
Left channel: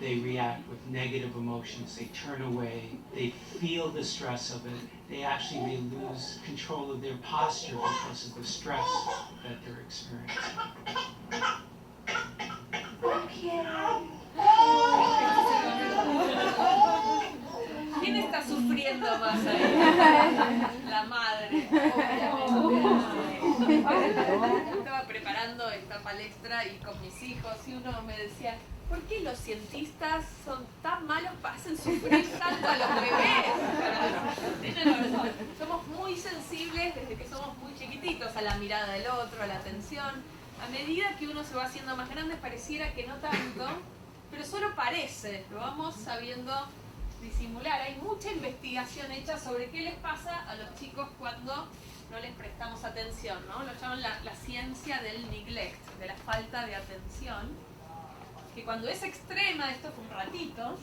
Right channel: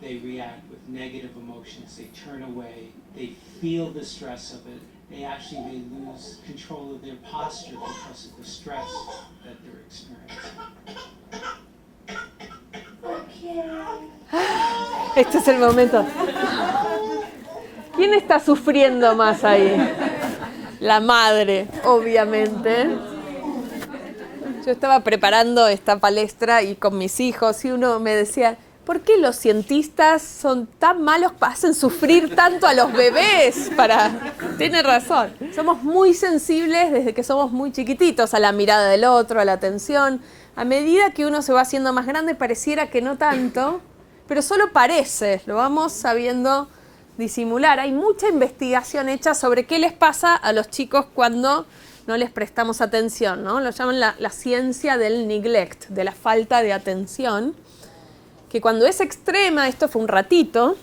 they react with negative emotions, they turn away, they feel the stress of it, they lose control of their posture because of the stress that they're experiencing. Este es el momento. ¿Quién está sufriendo más ahí? La madre, obviamente. Yo estaba preparando esta palestra y con mis hijos y uno me decía, ¿por qué los cientistas son tan malos, hacen sufrir tanto a los bebés? Tiene razón. Somos muy sensibles desde que somos muy chiquititos a la mirada del otro, a la atención. A medida que uno se va haciendo más grande pareciera que no tanto, pero solo parece, lo vamos sabiendo disimular. Hay mucha investigación hecha sobre qué les pasa a los chicos cuando no les prestamos atención, ¿no? Lo llaman la ciencia del neglect, de la falta de atención, que cuando es extrema, esto fue un ratito,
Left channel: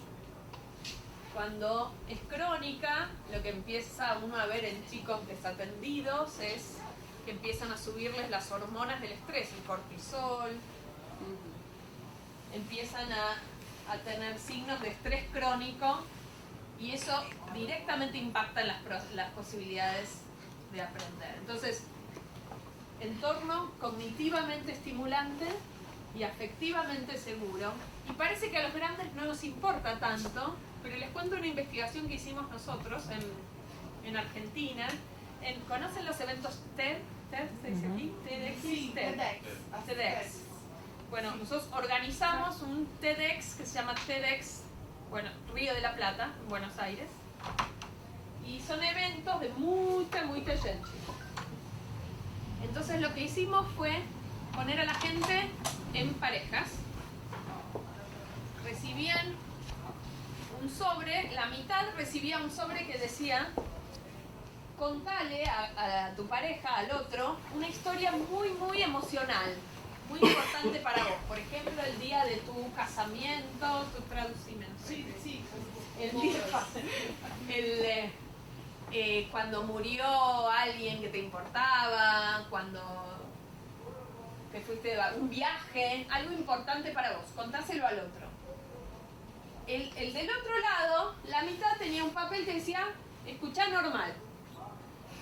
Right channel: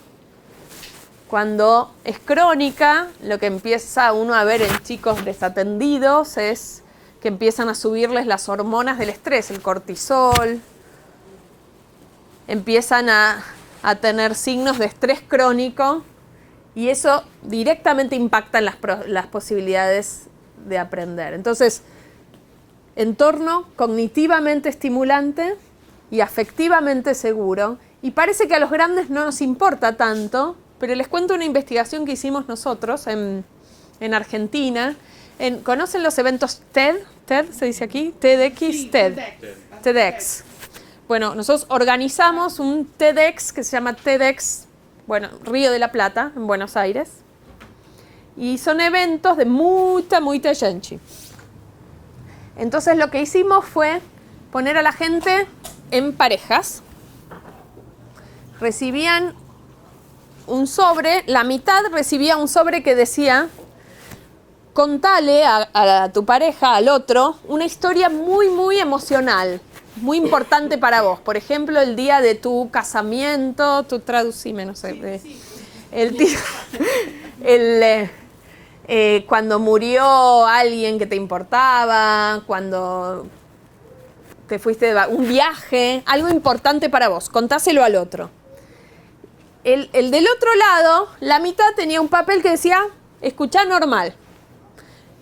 cuando es crónica, lo que empieza uno a ver en chicos desatendidos es que empiezan a subirles las hormonas del estrés, el cortisol, empiezan a tener signos de estrés crónico y eso directamente impacta en las posibilidades de aprender. Entonces, entorno cognitivamente estimulante y afectivamente seguro, y parece que a los grandes no nos importa tanto, pero les cuento una investigación que hicimos nosotros en Argentina. ¿Conocen los eventos TED? ¿TED se dice aquí? TEDx, TED. TEDx. Bueno, nosotros organizamos un TEDx que se llama TEDx, Río de la Plata, en Buenos Aires. Y son eventos de mucha gente. Entonces lo que hicimos fue poner a la gente en parejas. Recibían un sobre, la mitad recibía un sobre que decía: contale a tu pareja, al otro, una historia muy, muy emocional, muy importante para vos. Por ejemplo, el día de tu casamiento, traducime, no sé. Cuando murió alguien que te importaba, cuando te fuiste de un viaje, algo importante para vos, contáselo al otro. El del otro lado, la mitad tenía un papel que decía, escuchá normal.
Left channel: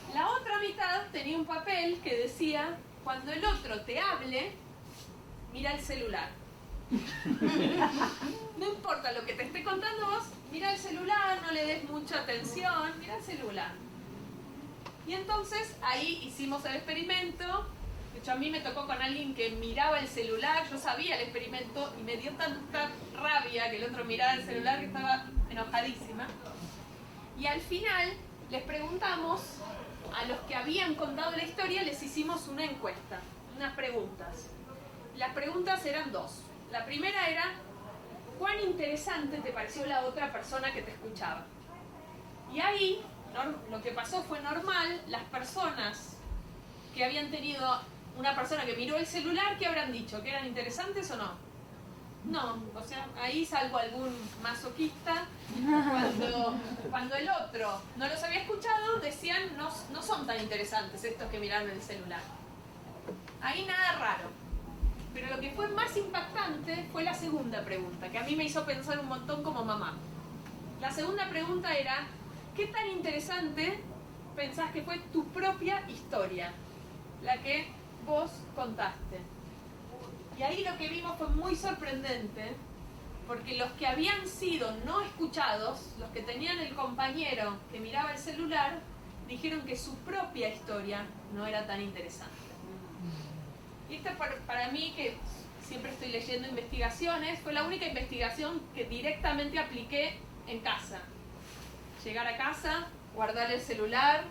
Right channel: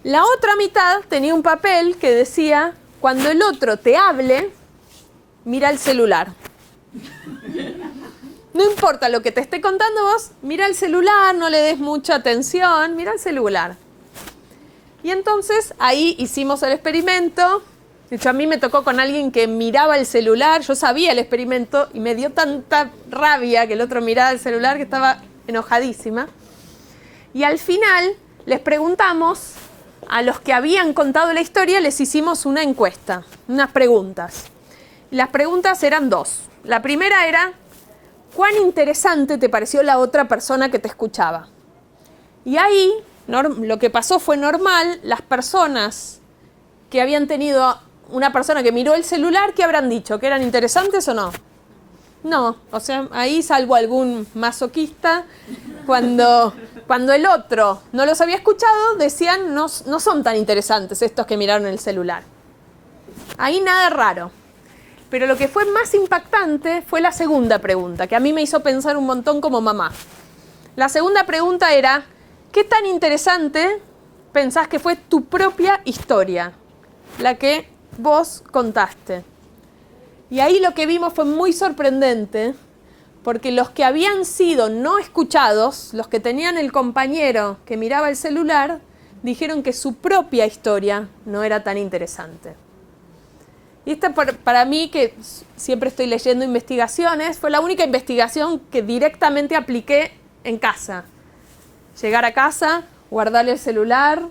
La otra mitad tenía un papel que decía, cuando el otro te hable, mira el celular. No importa lo que te esté contando vos, mira el celular, no le des mucha atención, mira el celular. Y entonces ahí hicimos el experimento. De hecho, a mí me tocó con alguien que miraba el celular. Yo sabía el experimento y me dio tanta rabia que el otro miraba el celular que estaba enojadísima. Y al final les preguntamos a los que habían contado la historia, les hicimos una encuesta, unas preguntas. Las preguntas eran dos. La primera era, ¿cuán interesante te pareció la otra persona que te escuchaba? Y ahí lo que pasó fue normal. Las personas que habían tenido una persona que miró el celular, ¿qué habrán dicho? ¿Que eran interesantes o no? No, o sea, ahí salvo algún masoquista, cuando el otro no los había escuchado, decían, no son tan interesantes estos que miraron el celular. Ahí nada raro. Pero lo que fue más impactante fue la segunda pregunta, que a mí me hizo pensar un montón como mamá. La segunda pregunta era, ¿qué tan interesante pensás que fue tu propia historia? La que vos contaste. Y ahí lo que vimos fue muy sorprendente, porque los que habían sido no escuchados, los que tenían el compañero que miraba el celular, dijeron que su propia historia no era tan interesante. Y esta para mí, que siempre estoy leyendo investigaciones, fue la única investigación que directamente apliqué en casa. Llegar a casa, guardar el celular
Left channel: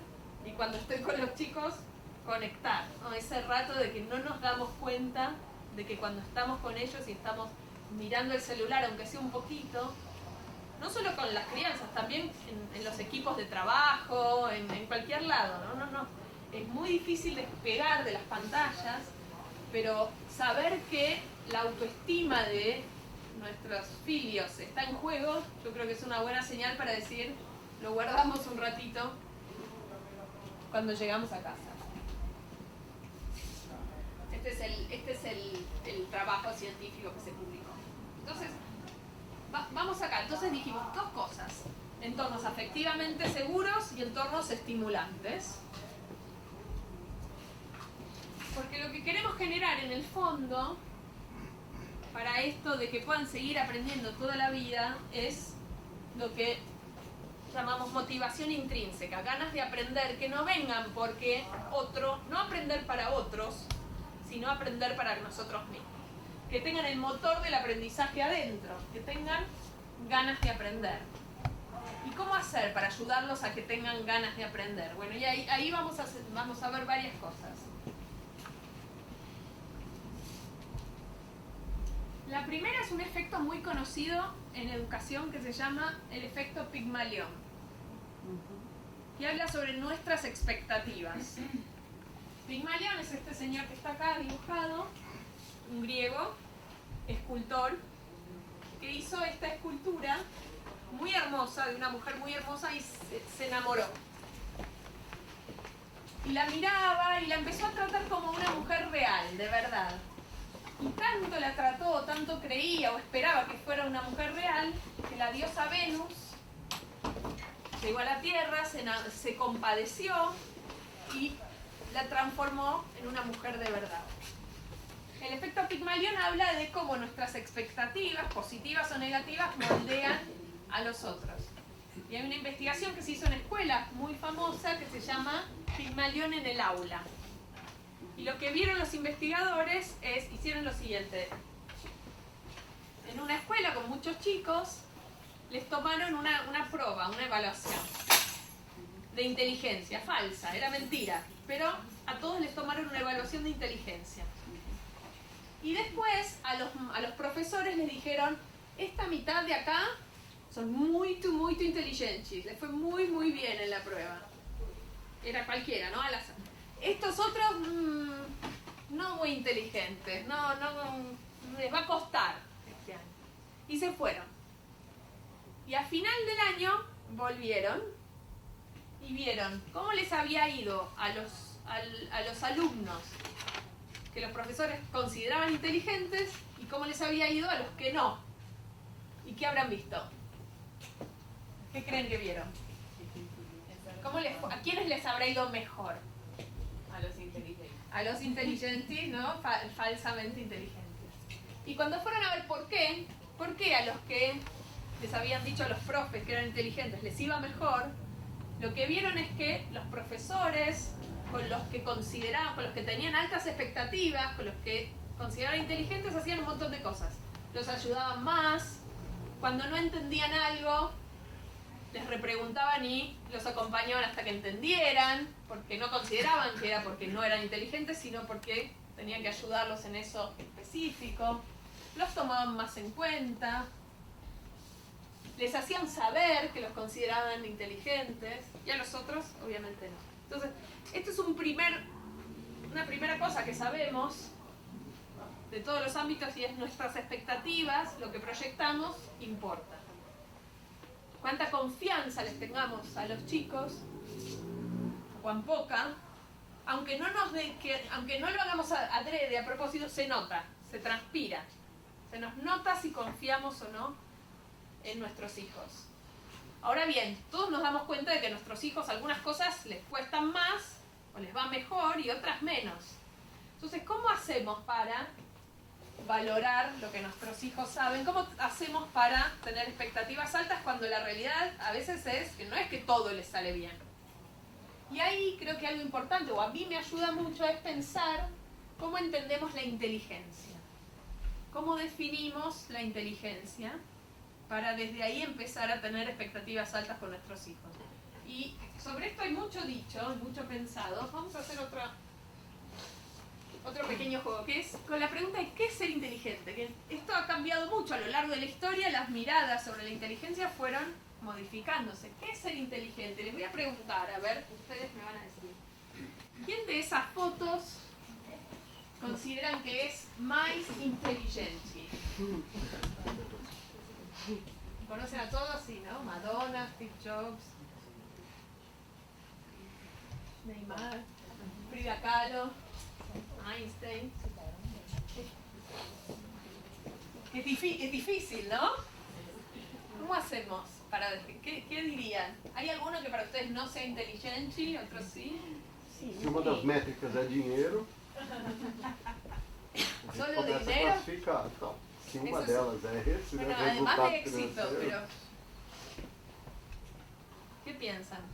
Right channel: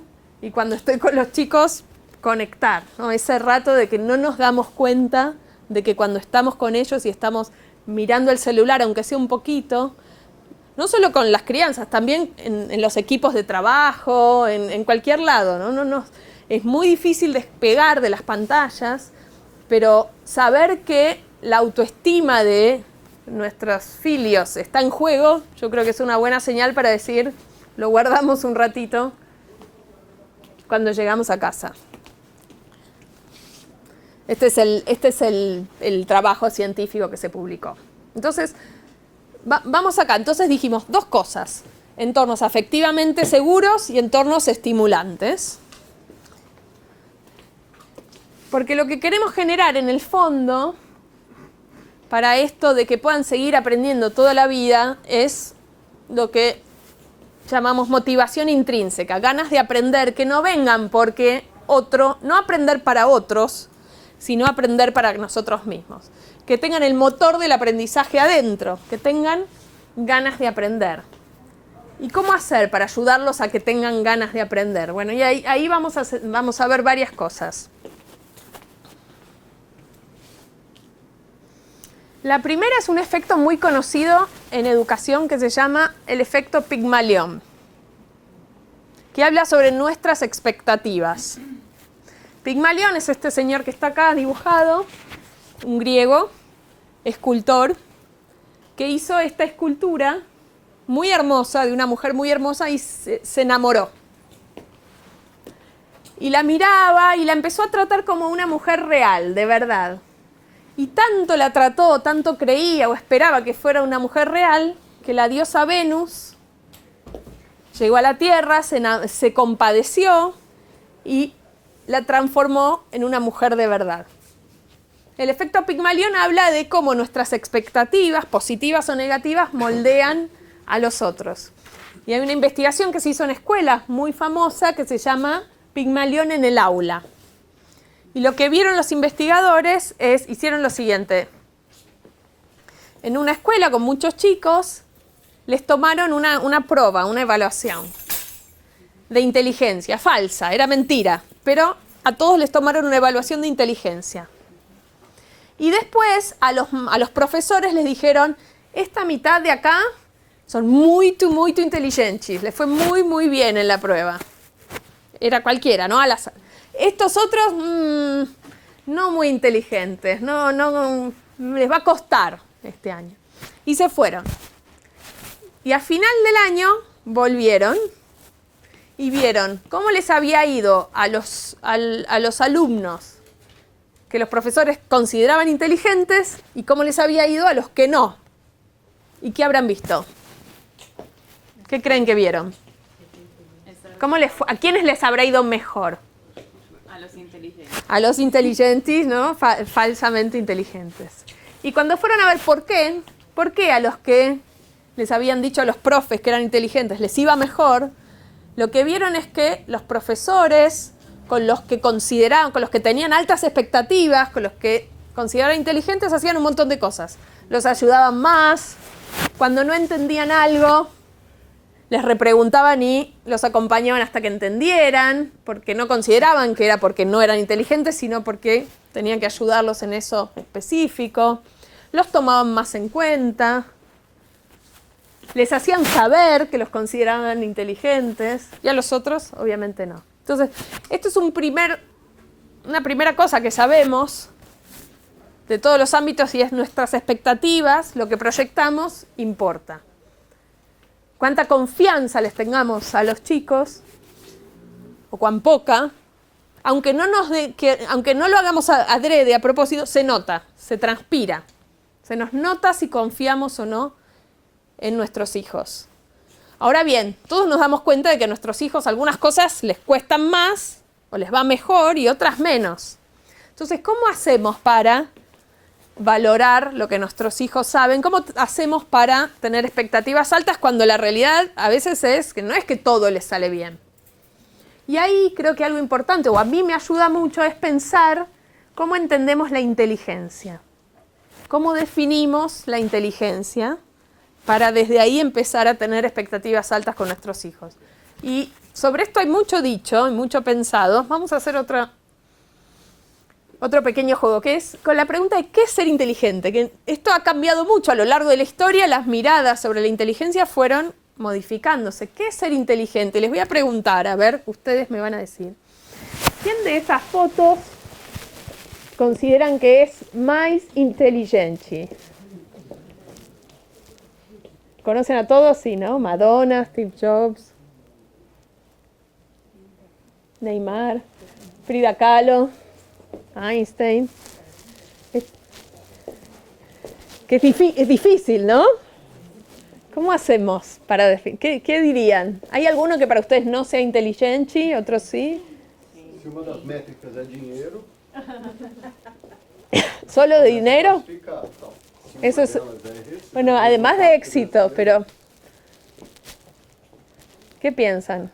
y cuando estoy con los chicos, conectar, ¿no? Ese rato de que no nos damos cuenta de que cuando estamos con ellos y estamos mirando el celular, aunque sea un poquito, no solo con las crianzas, también en los equipos de trabajo, en cualquier lado, ¿no? Es muy difícil despegar de las pantallas, pero saber que la autoestima de nuestros filios está en juego, yo creo que es una buena señal para decir, lo guardamos un ratito cuando llegamos a casa. Este es el trabajo científico que se publicó. Entonces, vamos acá. Entonces dijimos dos cosas. Entornos afectivamente seguros y entornos estimulantes. Porque lo que queremos generar en el fondo, para esto de que puedan seguir aprendiendo toda la vida, es lo que llamamos motivación intrínseca. Ganas de aprender que no vengan porque no aprender para otros, sino aprender para nosotros mismos. Que tengan el motor del aprendizaje adentro, que tengan ganas de aprender. ¿Y cómo hacer para ayudarlos a que tengan ganas de aprender? Bueno, y ahí vamos a ver varias cosas. La primera es un efecto muy conocido en educación que se llama el efecto Pigmalión, que habla sobre nuestras expectativas. Pigmalión es este señor que está acá dibujado, un griego, escultor, que hizo esta escultura muy hermosa, de una mujer muy hermosa, y se enamoró. Y la miraba y la empezó a tratar como una mujer real, de verdad. Y tanto la trató, tanto creía o esperaba que fuera una mujer real, que la diosa Venus llegó a la Tierra, se compadeció y la transformó en una mujer de verdad. El efecto Pigmalión habla de cómo nuestras expectativas, positivas o negativas, moldean a los otros. Y hay una investigación que se hizo en escuelas muy famosa que se llama Pigmalión en el aula. Y lo que vieron los investigadores hicieron lo siguiente. En una escuela con muchos chicos, les tomaron una prueba, una evaluación de inteligencia, falsa, era mentira, pero a todos les tomaron una evaluación de inteligencia. Y después a los profesores les dijeron, esta mitad de acá son muy inteligentes, les fue muy bien en la prueba. Era cualquiera, ¿no? Al azar. Estos otros, no muy inteligentes, no les va a costar este año. Y se fueron. Y a final del año volvieron y vieron cómo les había ido a los alumnos que los profesores consideraban inteligentes y cómo les había ido a los que no. ¿Y qué habrán visto? ¿Qué creen que vieron? ¿A quiénes les habrá ido mejor? A los inteligentes. A los inteligentes, ¿no? Falsamente inteligentes. Y cuando fueron a ver por qué a los que les habían dicho a los profes que eran inteligentes les iba mejor, lo que vieron es que los profesores con los que consideraban, con los que tenían altas expectativas, con los que consideraban inteligentes, hacían un montón de cosas. Los ayudaban más, cuando no entendían algo, les repreguntaban y los acompañaban hasta que entendieran, porque no consideraban que era porque no eran inteligentes, sino porque tenían que ayudarlos en eso específico. Los tomaban más en cuenta, les hacían saber que los consideraban inteligentes, y a los otros, obviamente, no. Entonces, esto es una primera cosa que sabemos de todos los ámbitos, y es nuestras expectativas, lo que proyectamos, importa. Cuánta confianza les tengamos a los chicos, o cuán poca, aunque no lo hagamos adrede, a propósito, se nota, se transpira. Se nos nota si confiamos o no en nuestros hijos. Ahora bien, todos nos damos cuenta de que a nuestros hijos algunas cosas les cuestan más, o les va mejor, y otras menos. Entonces, ¿cómo hacemos para valorar lo que nuestros hijos saben? ¿Cómo hacemos para tener expectativas altas cuando la realidad a veces es que no es que todo les sale bien? Y ahí creo que algo importante, o a mí me ayuda mucho, es pensar cómo entendemos la inteligencia. ¿Cómo definimos la inteligencia para desde ahí empezar a tener expectativas altas con nuestros hijos? Y sobre esto hay mucho dicho, mucho pensado. Vamos a hacer otro pequeño juego, que es con la pregunta de ¿qué es ser inteligente? Que esto ha cambiado mucho a lo largo de la historia, las miradas sobre la inteligencia fueron modificándose. ¿Qué es ser inteligente? Les voy a preguntar, a ver, ustedes me van a decir. ¿Quién de esas fotos consideran que es más inteligente? ¿Conocen a todos? Sí, ¿no? Madonna, Steve Jobs, Neymar, Frida Kahlo, Einstein. Que es difícil, ¿no? ¿Cómo hacemos para definir? ¿Qué dirían? ¿Hay alguno que para ustedes no sea inteligente, otros sí? Si uma das métricas é dinheiro, ¿Solo de dinero? fica tal. Se Eso uma es, delas é esse, bueno, además de éxito, pero ¿qué piensan?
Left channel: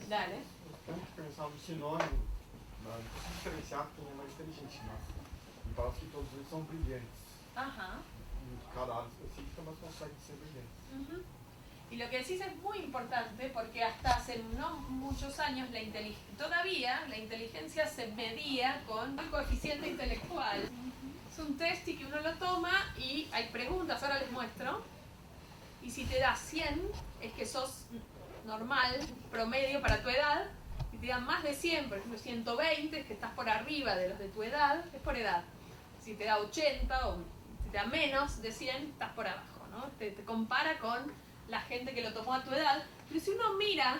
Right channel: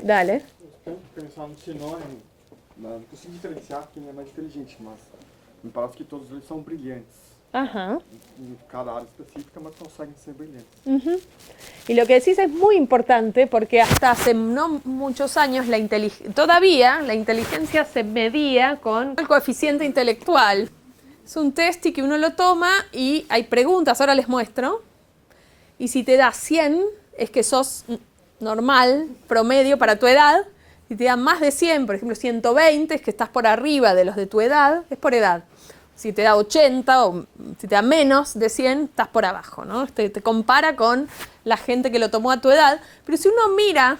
Dale. Tenho que pensar no sinônimo. Não consigo diferenciar quem é mais inteligente, mas me parece que todos eles são brilhantes. Ajá. Em cada área específica, mas conseguem ser brilhantes. Uh-huh. Y lo que decís es muy importante porque hasta hace no muchos años todavía la inteligencia se medía con el coeficiente intelectual. Es un test y que uno lo toma y hay preguntas, ahora les muestro. Y si te da 100 es que sos normal, promedio para tu edad. Si te da más de 100, por ejemplo 120, es que estás por arriba de los de tu edad, es por edad. Si te da 80 o si te da menos de 100, estás por abajo, ¿no? Te compara con la gente que lo tomó a tu edad. Pero si uno mira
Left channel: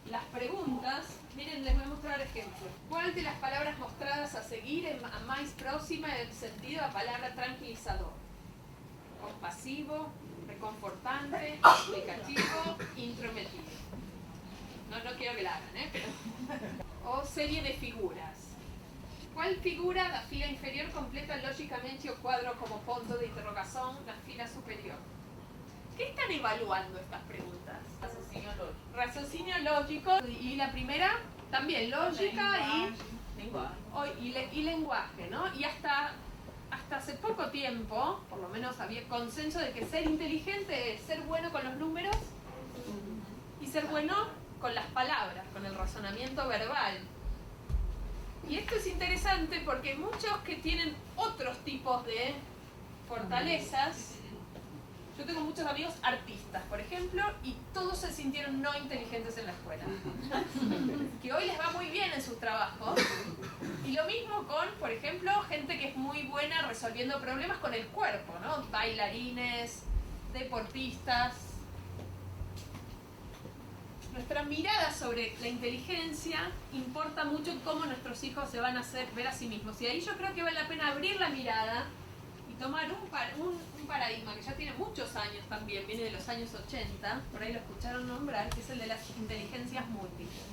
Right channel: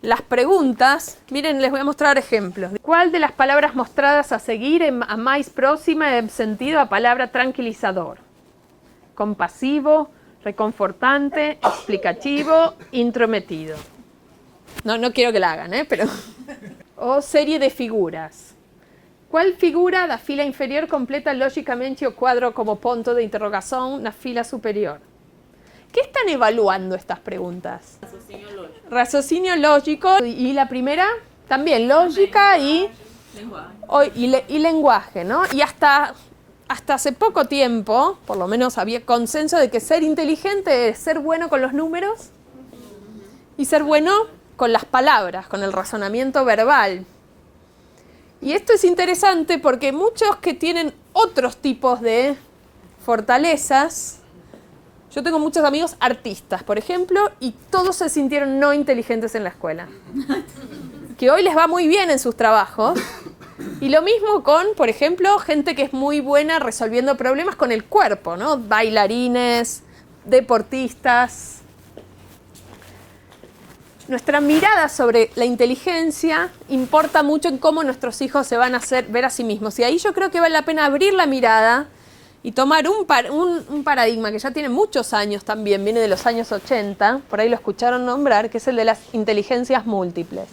las preguntas, miren, les voy a mostrar ejemplos. ¿Cuál de las palabras mostradas a seguir a más próxima en sentido a palabra tranquilizador? Compasivo, reconfortante, explicativo, intrometido. No quiero que la hagan, pero... O serie de figuras. ¿Cuál figura da fila inferior completa lógicamente o cuadro como punto de interrogación na fila superior? ¿Qué están evaluando estas preguntas? Raciocinio lógico. Y la primera, también lógica y lenguaje, ¿no? Y hasta hace poco tiempo, por lo menos había consenso de que ser inteligente es ser bueno con los números y ser bueno con las palabras, con el razonamiento verbal. Y esto es interesante porque muchos que tienen otros tipos de fortalezas, yo tengo muchos amigos artistas, por ejemplo, y todos se sintieron no inteligentes en la escuela. Que hoy les va muy bien en sus trabajos. Y lo mismo con, por ejemplo, gente que es muy buena resolviendo problemas con el cuerpo, ¿no? Bailarines, deportistas. Nuestra mirada sobre la inteligencia importa mucho en cómo nuestros hijos se van a ver a sí mismos. Y ahí yo creo que vale la pena abrir la mirada y tomar un paradigma que ya tiene muchos años también, viene de los años 80, por ahí lo escucharon nombrar, que es el de las inteligencias múltiples.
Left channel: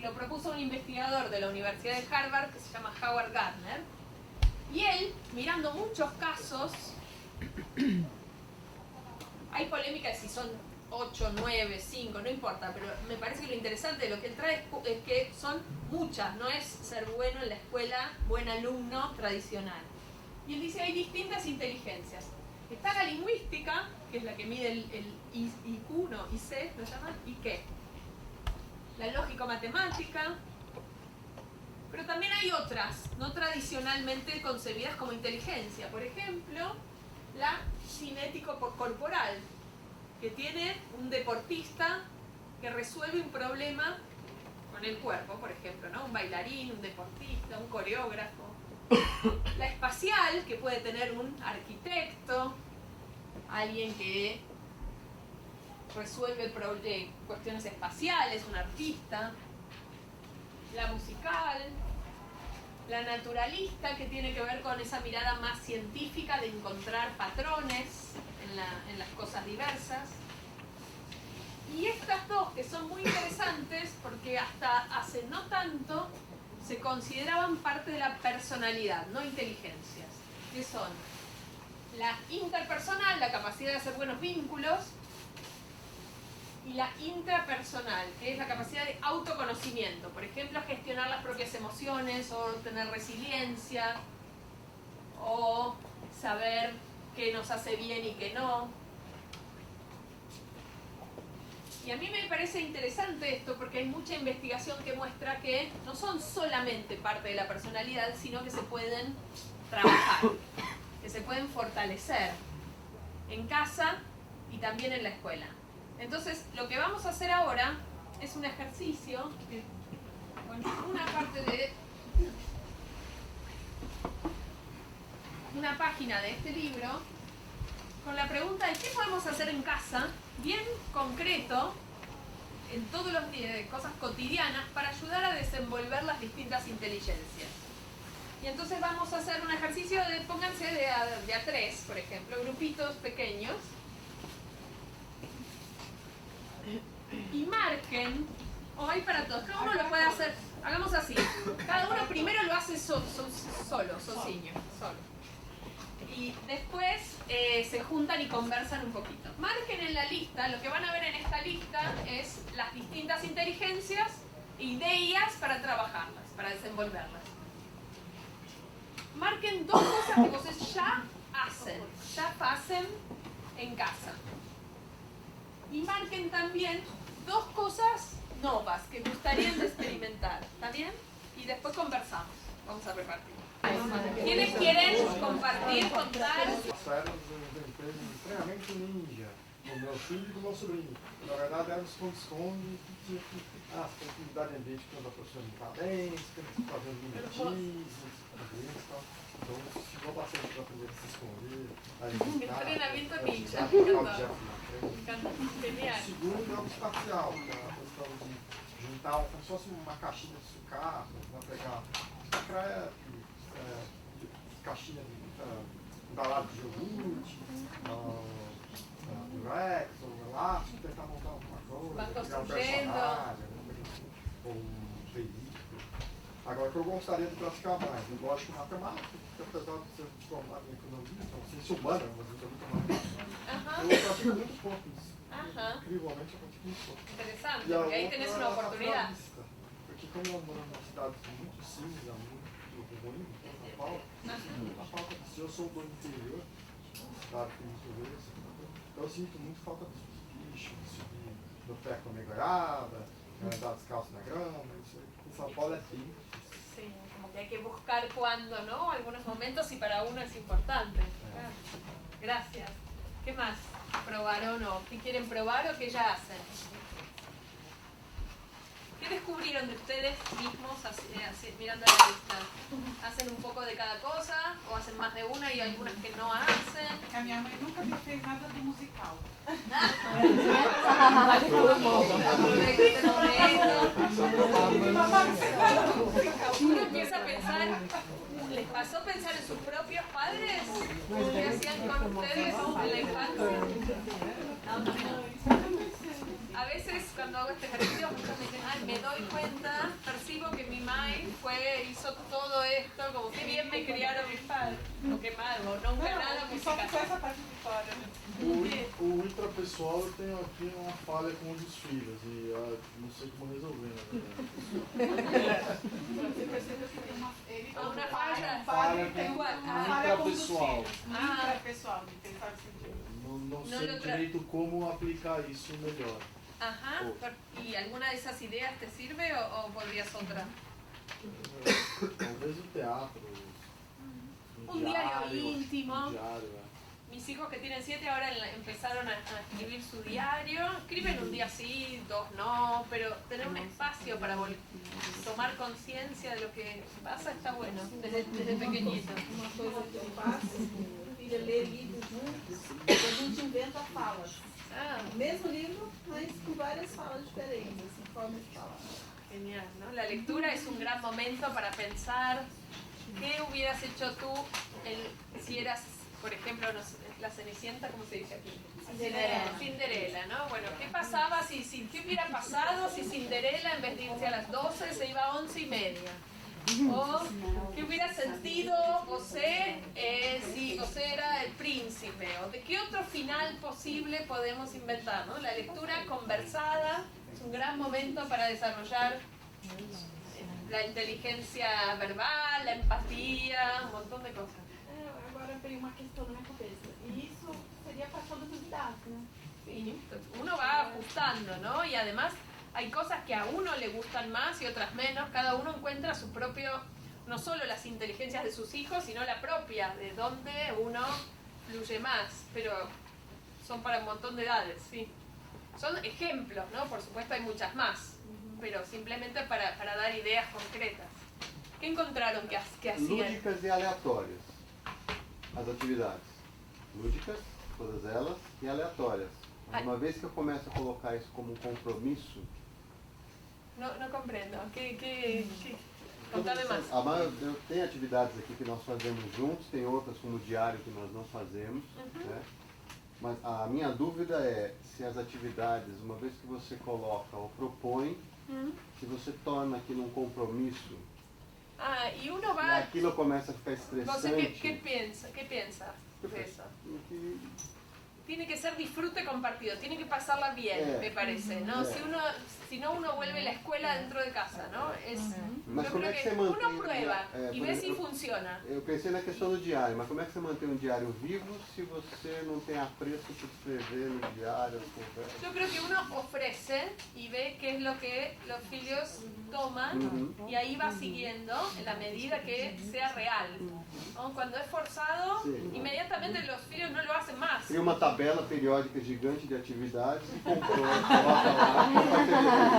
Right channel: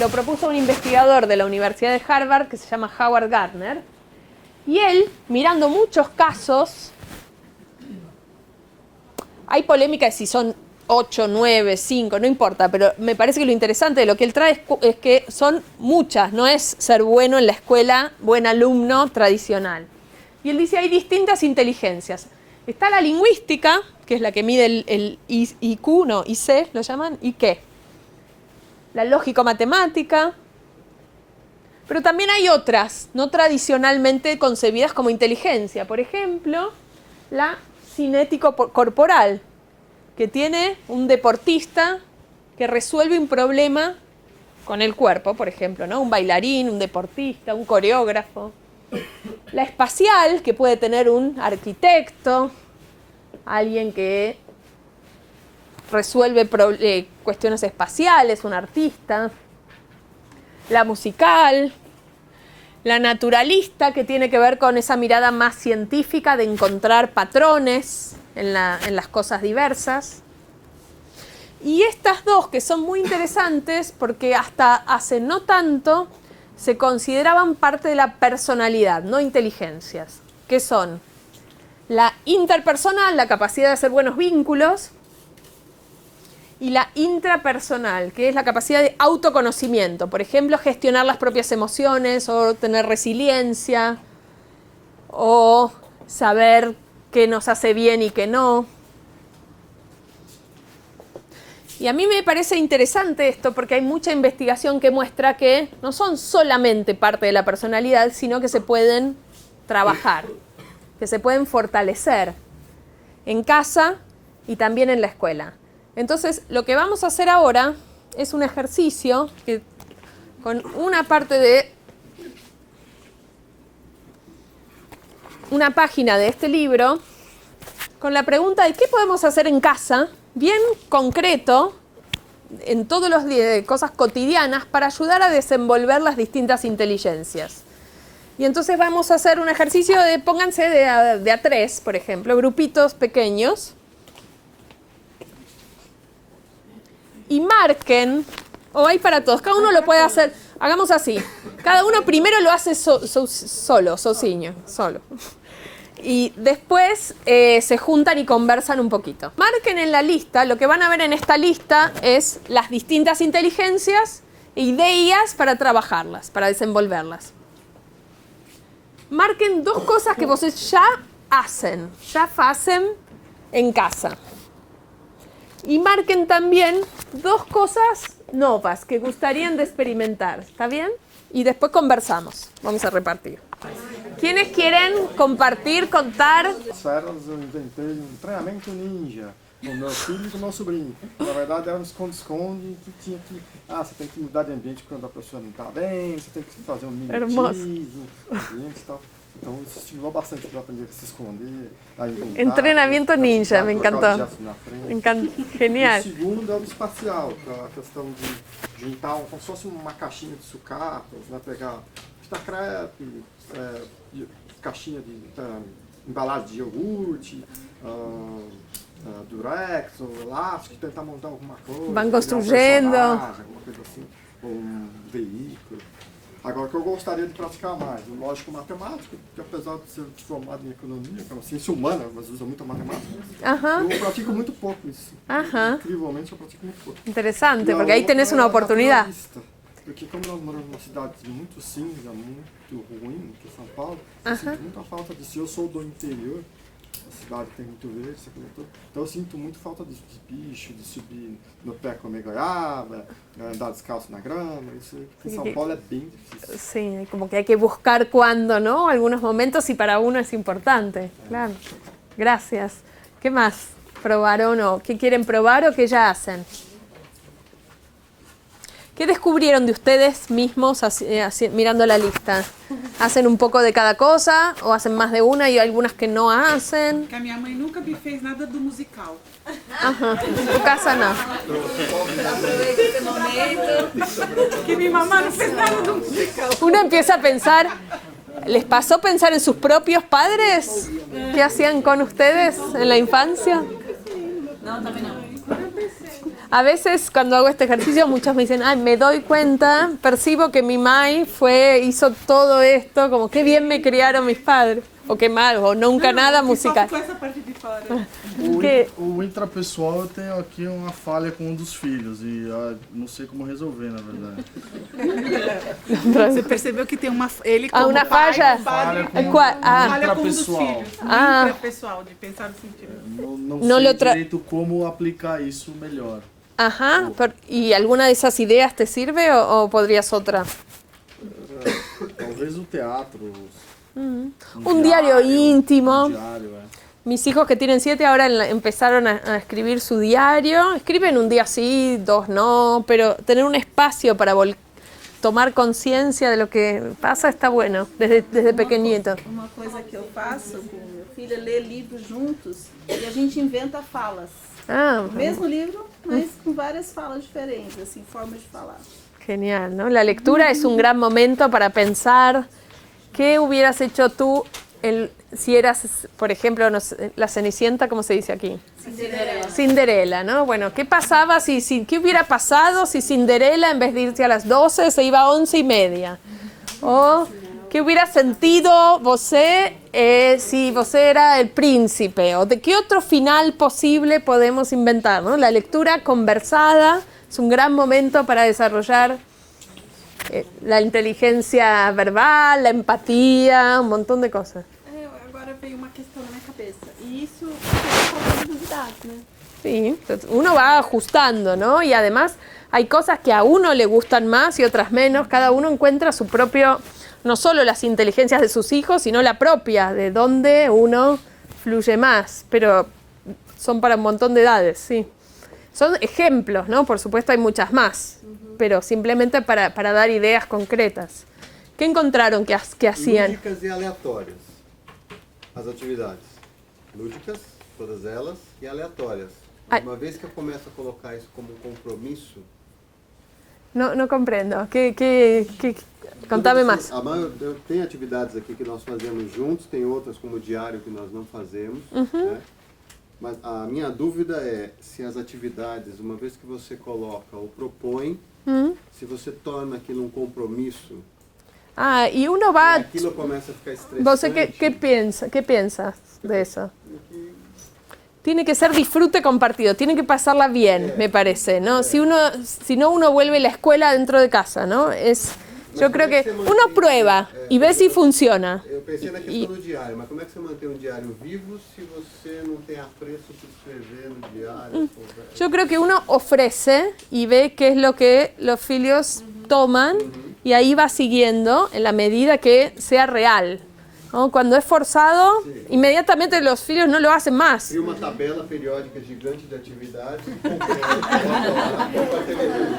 Lo propuso un investigador de la Universidad de Harvard que se llama Howard Gardner. Y él, mirando muchos casos, hay polémica de si son 8, 9, 5, no importa, pero me parece que lo interesante de lo que él trae es que son muchas, no es ser bueno en la escuela, buen alumno tradicional. Y él dice hay distintas inteligencias. Está la lingüística, que es la que mide el IQ, no, IC lo llaman, ¿y qué? La lógico-matemática. Pero también hay otras, no tradicionalmente concebidas como inteligencia. Por ejemplo, la cinético-corporal, que tiene un deportista que resuelve un problema con el cuerpo, por ejemplo, ¿no? Un bailarín, un deportista, un coreógrafo. La espacial, que puede tener un arquitecto, alguien que resuelve cuestiones espaciales, un artista. La musical, la naturalista, que tiene que ver con esa mirada más científica de encontrar patrones en las cosas diversas. Y estas dos, que son muy interesantes porque hasta hace no tanto se consideraban parte de la personalidad, no inteligencias, que son la interpersonal, la capacidad de hacer buenos vínculos, y la intrapersonal, que es la capacidad de autoconocimiento. Por ejemplo, gestionar las propias emociones o tener resiliencia o saber qué nos hace bien y qué no. Y a mí me parece interesante esto porque hay mucha investigación que muestra que no son solamente parte de la personalidad, sino que se pueden trabajar, que se pueden fortalecer en casa y también en la escuela. Entonces, lo que vamos a hacer ahora es un ejercicio que, con una parte de una página de este libro, con la pregunta de qué podemos hacer en casa, bien concreto, en todas las cosas cotidianas, para ayudar a desenvolver las distintas inteligencias. Y entonces vamos a hacer un ejercicio de, pónganse de a 3, por ejemplo, grupitos pequeños, y marquen, o hay para todos, cada uno lo puede hacer, hagamos así, cada uno primero lo hace solo. Y después se juntan y conversan un poquito. Marquen en la lista, lo que van a ver en esta lista es las distintas inteligencias e ideas para trabajarlas, para desenvolverlas. Marquen 2 cosas que ustedes ya hacen en casa. Y marquen también 2 cosas nuevas que gustarían de experimentar, ¿está bien? Y después conversamos, vamos a repartir. ¿Quiénes quieren compartir, contar? As férias eu inventei treinamento ninja com meu filho e com meu sobrinho. Na verdade era um esconde-esconde que tinha que... você tem que mudar de ambiente quando a pessoa não está bem, você tem que fazer um mimetismo e tal. Então isso estimulou bastante para aprender a se esconder, a inventar. Entrenamiento ninja, me encantó. Genial. O segundo é o espacial, que é a questão de juntar como se fosse uma caixinha de sucatas, né? Pegar fita crepe, caixinha de embalagem de iogurte, durex ou elástico, tentar montar alguma coisa. Van construindo. Alguma coisa assim, ou um veículo. Agora, o que eu gostaria de praticar mais, lógico, matemática, porque apesar de ser formado em economia, que é uma ciência humana, mas usa muita matemática, eu pratico muito pouco isso. Incrivelmente, eu pratico muito pouco. Interesante, porque ahí tenés una oportunidad. Porque como nós moramos numa cidade muito cinza, muito ruim, que é São Paulo, eu sinto muita falta disso. Eu sou do interior, a cidade tem muito verde, então eu sinto muito falta disso, de bicho, de subir no pé comer goiaba, andar descalço na grama. Isso em São Paulo é bem difícil. Sí, como que hay que buscar cuándo, ¿no? Algunos momentos y para uno es importante. Claro. Gracias. ¿Qué más probaron o qué quieren probar o qué ya hacen? ¿Qué descubrieron de ustedes mismos mirando la lista? ¿Hacen un poco de cada cosa o hacen más de una y hay algunas que no hacen? Que a minha mãe nunca me fez nada do musical. En tu casa no. Que mi mamá no fez nada do musical. Uno empieza a pensar, ¿les pasó pensar en sus propios padres? ¿Qué hacían con ustedes en la infancia? No, también no. A veces cuando hago este ejercicio muchos me dicen, ay, me doy cuenta, percibo que mi mai hizo todo esto, como qué bien me criaron mis padres, o qué mal, o nunca nada musical. O intrapessoal, eu tenho aqui uma falha com um dos filhos e não sei como resolver, na verdade. Você percebeu que tem ele Ah, como una pai, falla. Falha com falha com um dos intrapessoal. filhos. Intrapessoal, de pensar no sentido. Não No sei lo tra- direito como aplicar isso melhor. Ajá, ¿y alguna de esas ideas te sirve o podrías otra? Talvez o teatro. Un diario íntimo. Um diário, Mis hijos que tienen 7 ahora empezaron a escribir su diario. Escriben un día sí, 2 no, pero tener un espacio para tomar conciencia de lo que pasa está bueno, desde pequeñito. Uma coisa que eu faço com meu filho é ler livros juntos e a gente inventa falas. Ah, O mesmo livro, mas com várias falas diferentes, assim, formas de falar. genial, ¿no? La lectura es un gran momento para pensar qué hubieras hecho tú si eras, por ejemplo, no sé, la Cenicienta, ¿cómo se dice aquí? Cinderela. Cinderela, ¿no? Bueno, ¿qué pasaba qué hubiera pasado si Cinderela en vez de irse a las 12 se iba a 11:30? O ¿qué hubiera sentido você si você era el príncipe? ¿O de qué otro final posible podemos inventar, ¿no? La lectura conversada es un gran momento para desarrollar la inteligencia verbal, la empatía, un montón de cosas. Agora veio uma questão na minha cabeça. E isso é novidade, né? Sí, entonces uno va ajustando, ¿no? Y además hay cosas que a uno le gustan más y otras menos. Cada uno encuentra su propio, no solo las inteligencias de sus hijos, sino la propia, de donde uno fluye más. Pero son para un montón de edades, sí. Son ejemplos, ¿no? Por supuesto hay muchas más, pero simplemente para dar ideas concretas. ¿Qué encontraron que hacían? Lúdicas e aleatórias. As atividades. Lúdicas, todas elas, e aleatórias. Uma vez que eu começo a colocar isso como um compromisso... No comprendo. Contame mais. Tem atividades aqui que nós fazemos juntos, tem outras como o diário que nós não fazemos, né? Mas a minha dúvida é se as atividades, uma vez que você coloca ou propõe, se você torna aquilo um compromisso, y uno va... aquilo começa a ficar estressante. ¿Vos qué piensas de eso? Tiene que ser disfrute compartido, tiene que pasarla bien, me parece, ¿no? Si no uno vuelve la escuela dentro de casa, ¿no? Yo creo que uno prueba y ve si funciona. Eu pensei na questão do diário, mas como é que você mantém um diário vivo se você não tem apreço por escrever no diário? Yo creo que uno ofrece y ve qué es lo que los filios toman y ahí va siguiendo en la medida que sea real, ¿no? Cuando es forzado, inmediatamente los filios no lo hacen más. Cria uma tabela periódica gigante de atividades.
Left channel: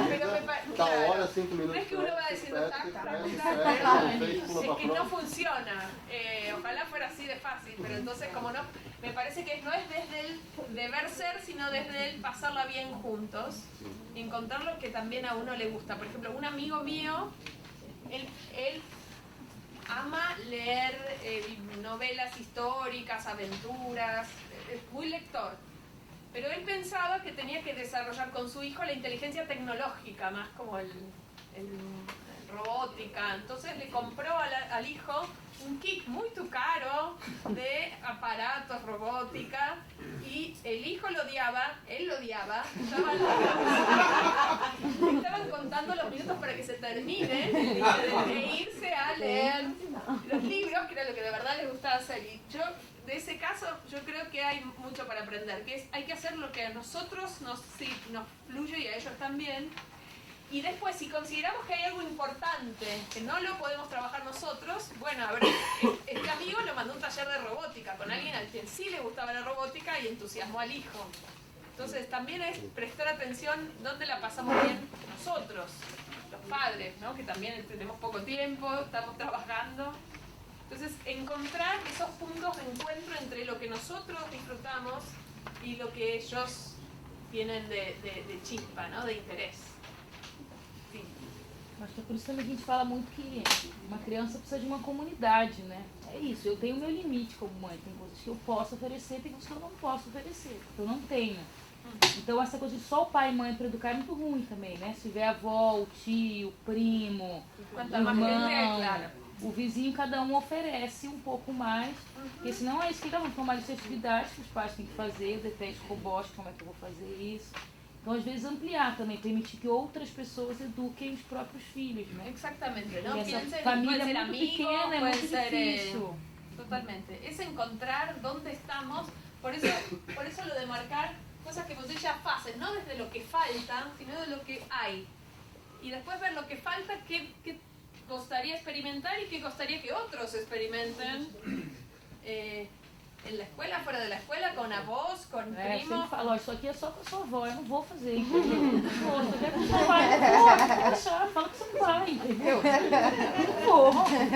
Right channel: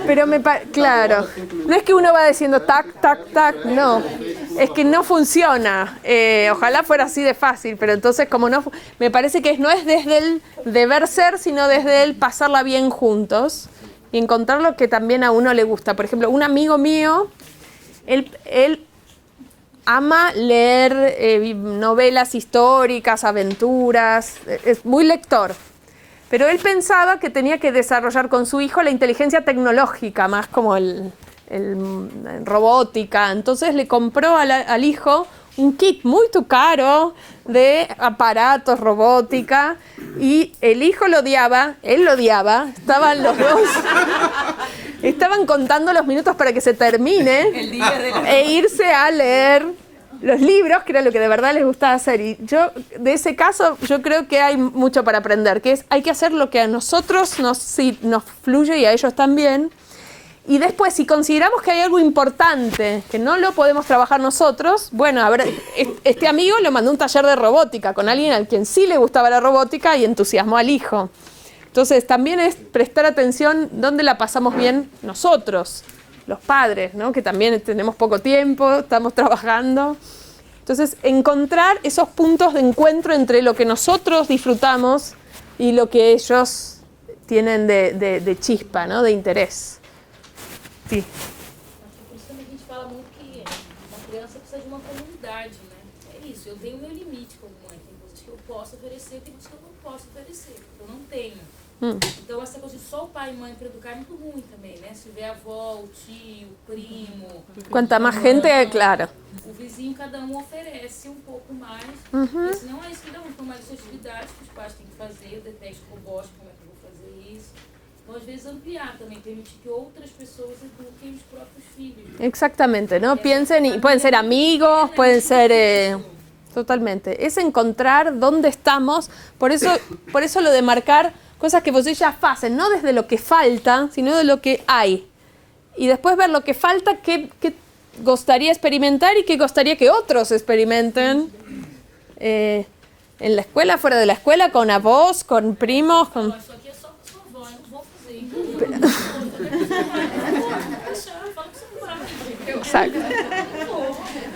Pero claro, no es que uno va diciendo tac, tac, tac, no. Es que no funciona. Ojalá fuera así de fácil, pero entonces como no, me parece que no es desde el deber ser, sino desde el pasarla bien juntos y encontrar lo que también a uno le gusta. Por ejemplo, un amigo mío, él ama leer novelas históricas, aventuras, es muy lector. Pero él pensaba que tenía que desarrollar con su hijo la inteligencia tecnológica, más como el robótica. Entonces le compró al hijo un kit muy caro de aparatos, robótica, y el hijo lo odiaba, él lo odiaba, estaban los dos, estaban contando los minutos para que se termine e irse a leer los libros, que era lo que de verdad les gustaba hacer. Y yo, de ese caso, yo creo que hay mucho para aprender, que es, hay que hacer lo que a nosotros nos fluye y a ellos también. Y después, si consideramos que hay algo importante, que no lo podemos trabajar nosotros, bueno, a ver, este amigo lo mandó a un taller de robótica con alguien a quien sí le gustaba la robótica y entusiasmó al hijo. Entonces, también es prestar atención dónde la pasamos bien nosotros, los padres, ¿no? Que también tenemos poco tiempo, estamos trabajando. Entonces, encontrar esos puntos de encuentro entre lo que nosotros disfrutamos y lo que ellos tienen de chispa, ¿no? De interés. Sí. Acho que por isso também a gente fala muito que uma criança precisa de uma comunidade, né? É isso, eu tenho o meu limite como mãe, tem coisas que eu posso oferecer, tem coisas que eu não posso oferecer, que eu não tenho. Então essa coisa de só o pai e mãe para educar é muito ruim também, né? Se tiver a avó, o tio, o primo... Quanta más gente, claro. o vizinho, cada um oferece um pouco mais. Porque senão é isso que dá muito, mais atividades que os pais têm que fazer, depende do gosto, como é que eu vou fazer isso. Então, às vezes, ampliar também, permitir que outras pessoas eduquem os próprios filhos. Exactamente, ¿no? Piensen, y pueden ser amigos, pueden ser... totalmente. Es encontrar dónde estamos, por eso lo de marcar cosas que vocês ya hacen, no desde lo que falta, sino de lo que hay. Y después ver lo que falta, qué gustaría experimentar y qué gustaría que otros experimenten. En la escuela, fuera de la escuela, con avós, con primos. Con... Isso aqui é só com sua avó, eu não vou fazer.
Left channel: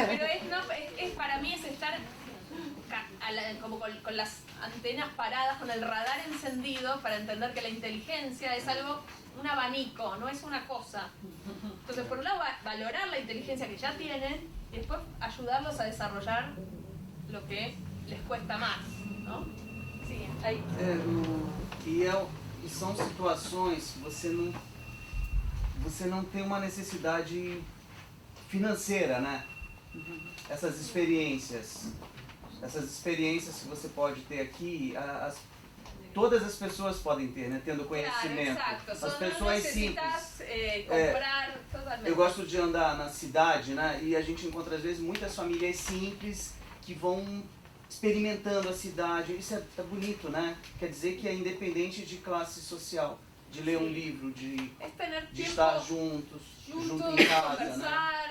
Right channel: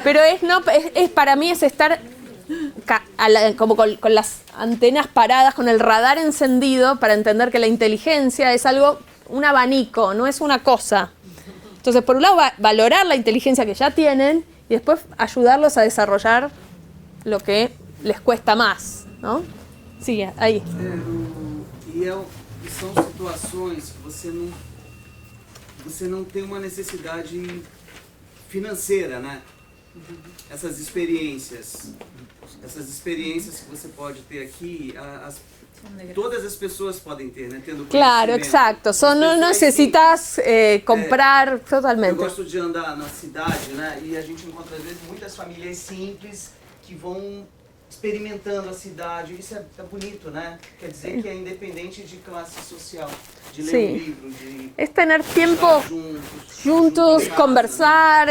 Pero es para mí es estar como con las antenas paradas, con el radar encendido para entender que la inteligencia es algo, un abanico, no es una cosa. Entonces, por un lado, valorar la inteligencia que ya tienen y después ayudarlos a desarrollar lo que les cuesta más, ¿no? Sí, aí. E são situações que você não tem uma necessidade financeira, né? Essas experiências que você pode ter aqui, todas as pessoas podem ter, né? Tendo Claro, exacto. No necesitas comprar totalmente. Eu gosto de andar na cidade, né? E a gente encontra às vezes muitas famílias simples que vão experimentando a cidade. Isso é bonito, né? Quer dizer que é independente de classe social, de ler um livro, de es tener tiempo juntos, conversar,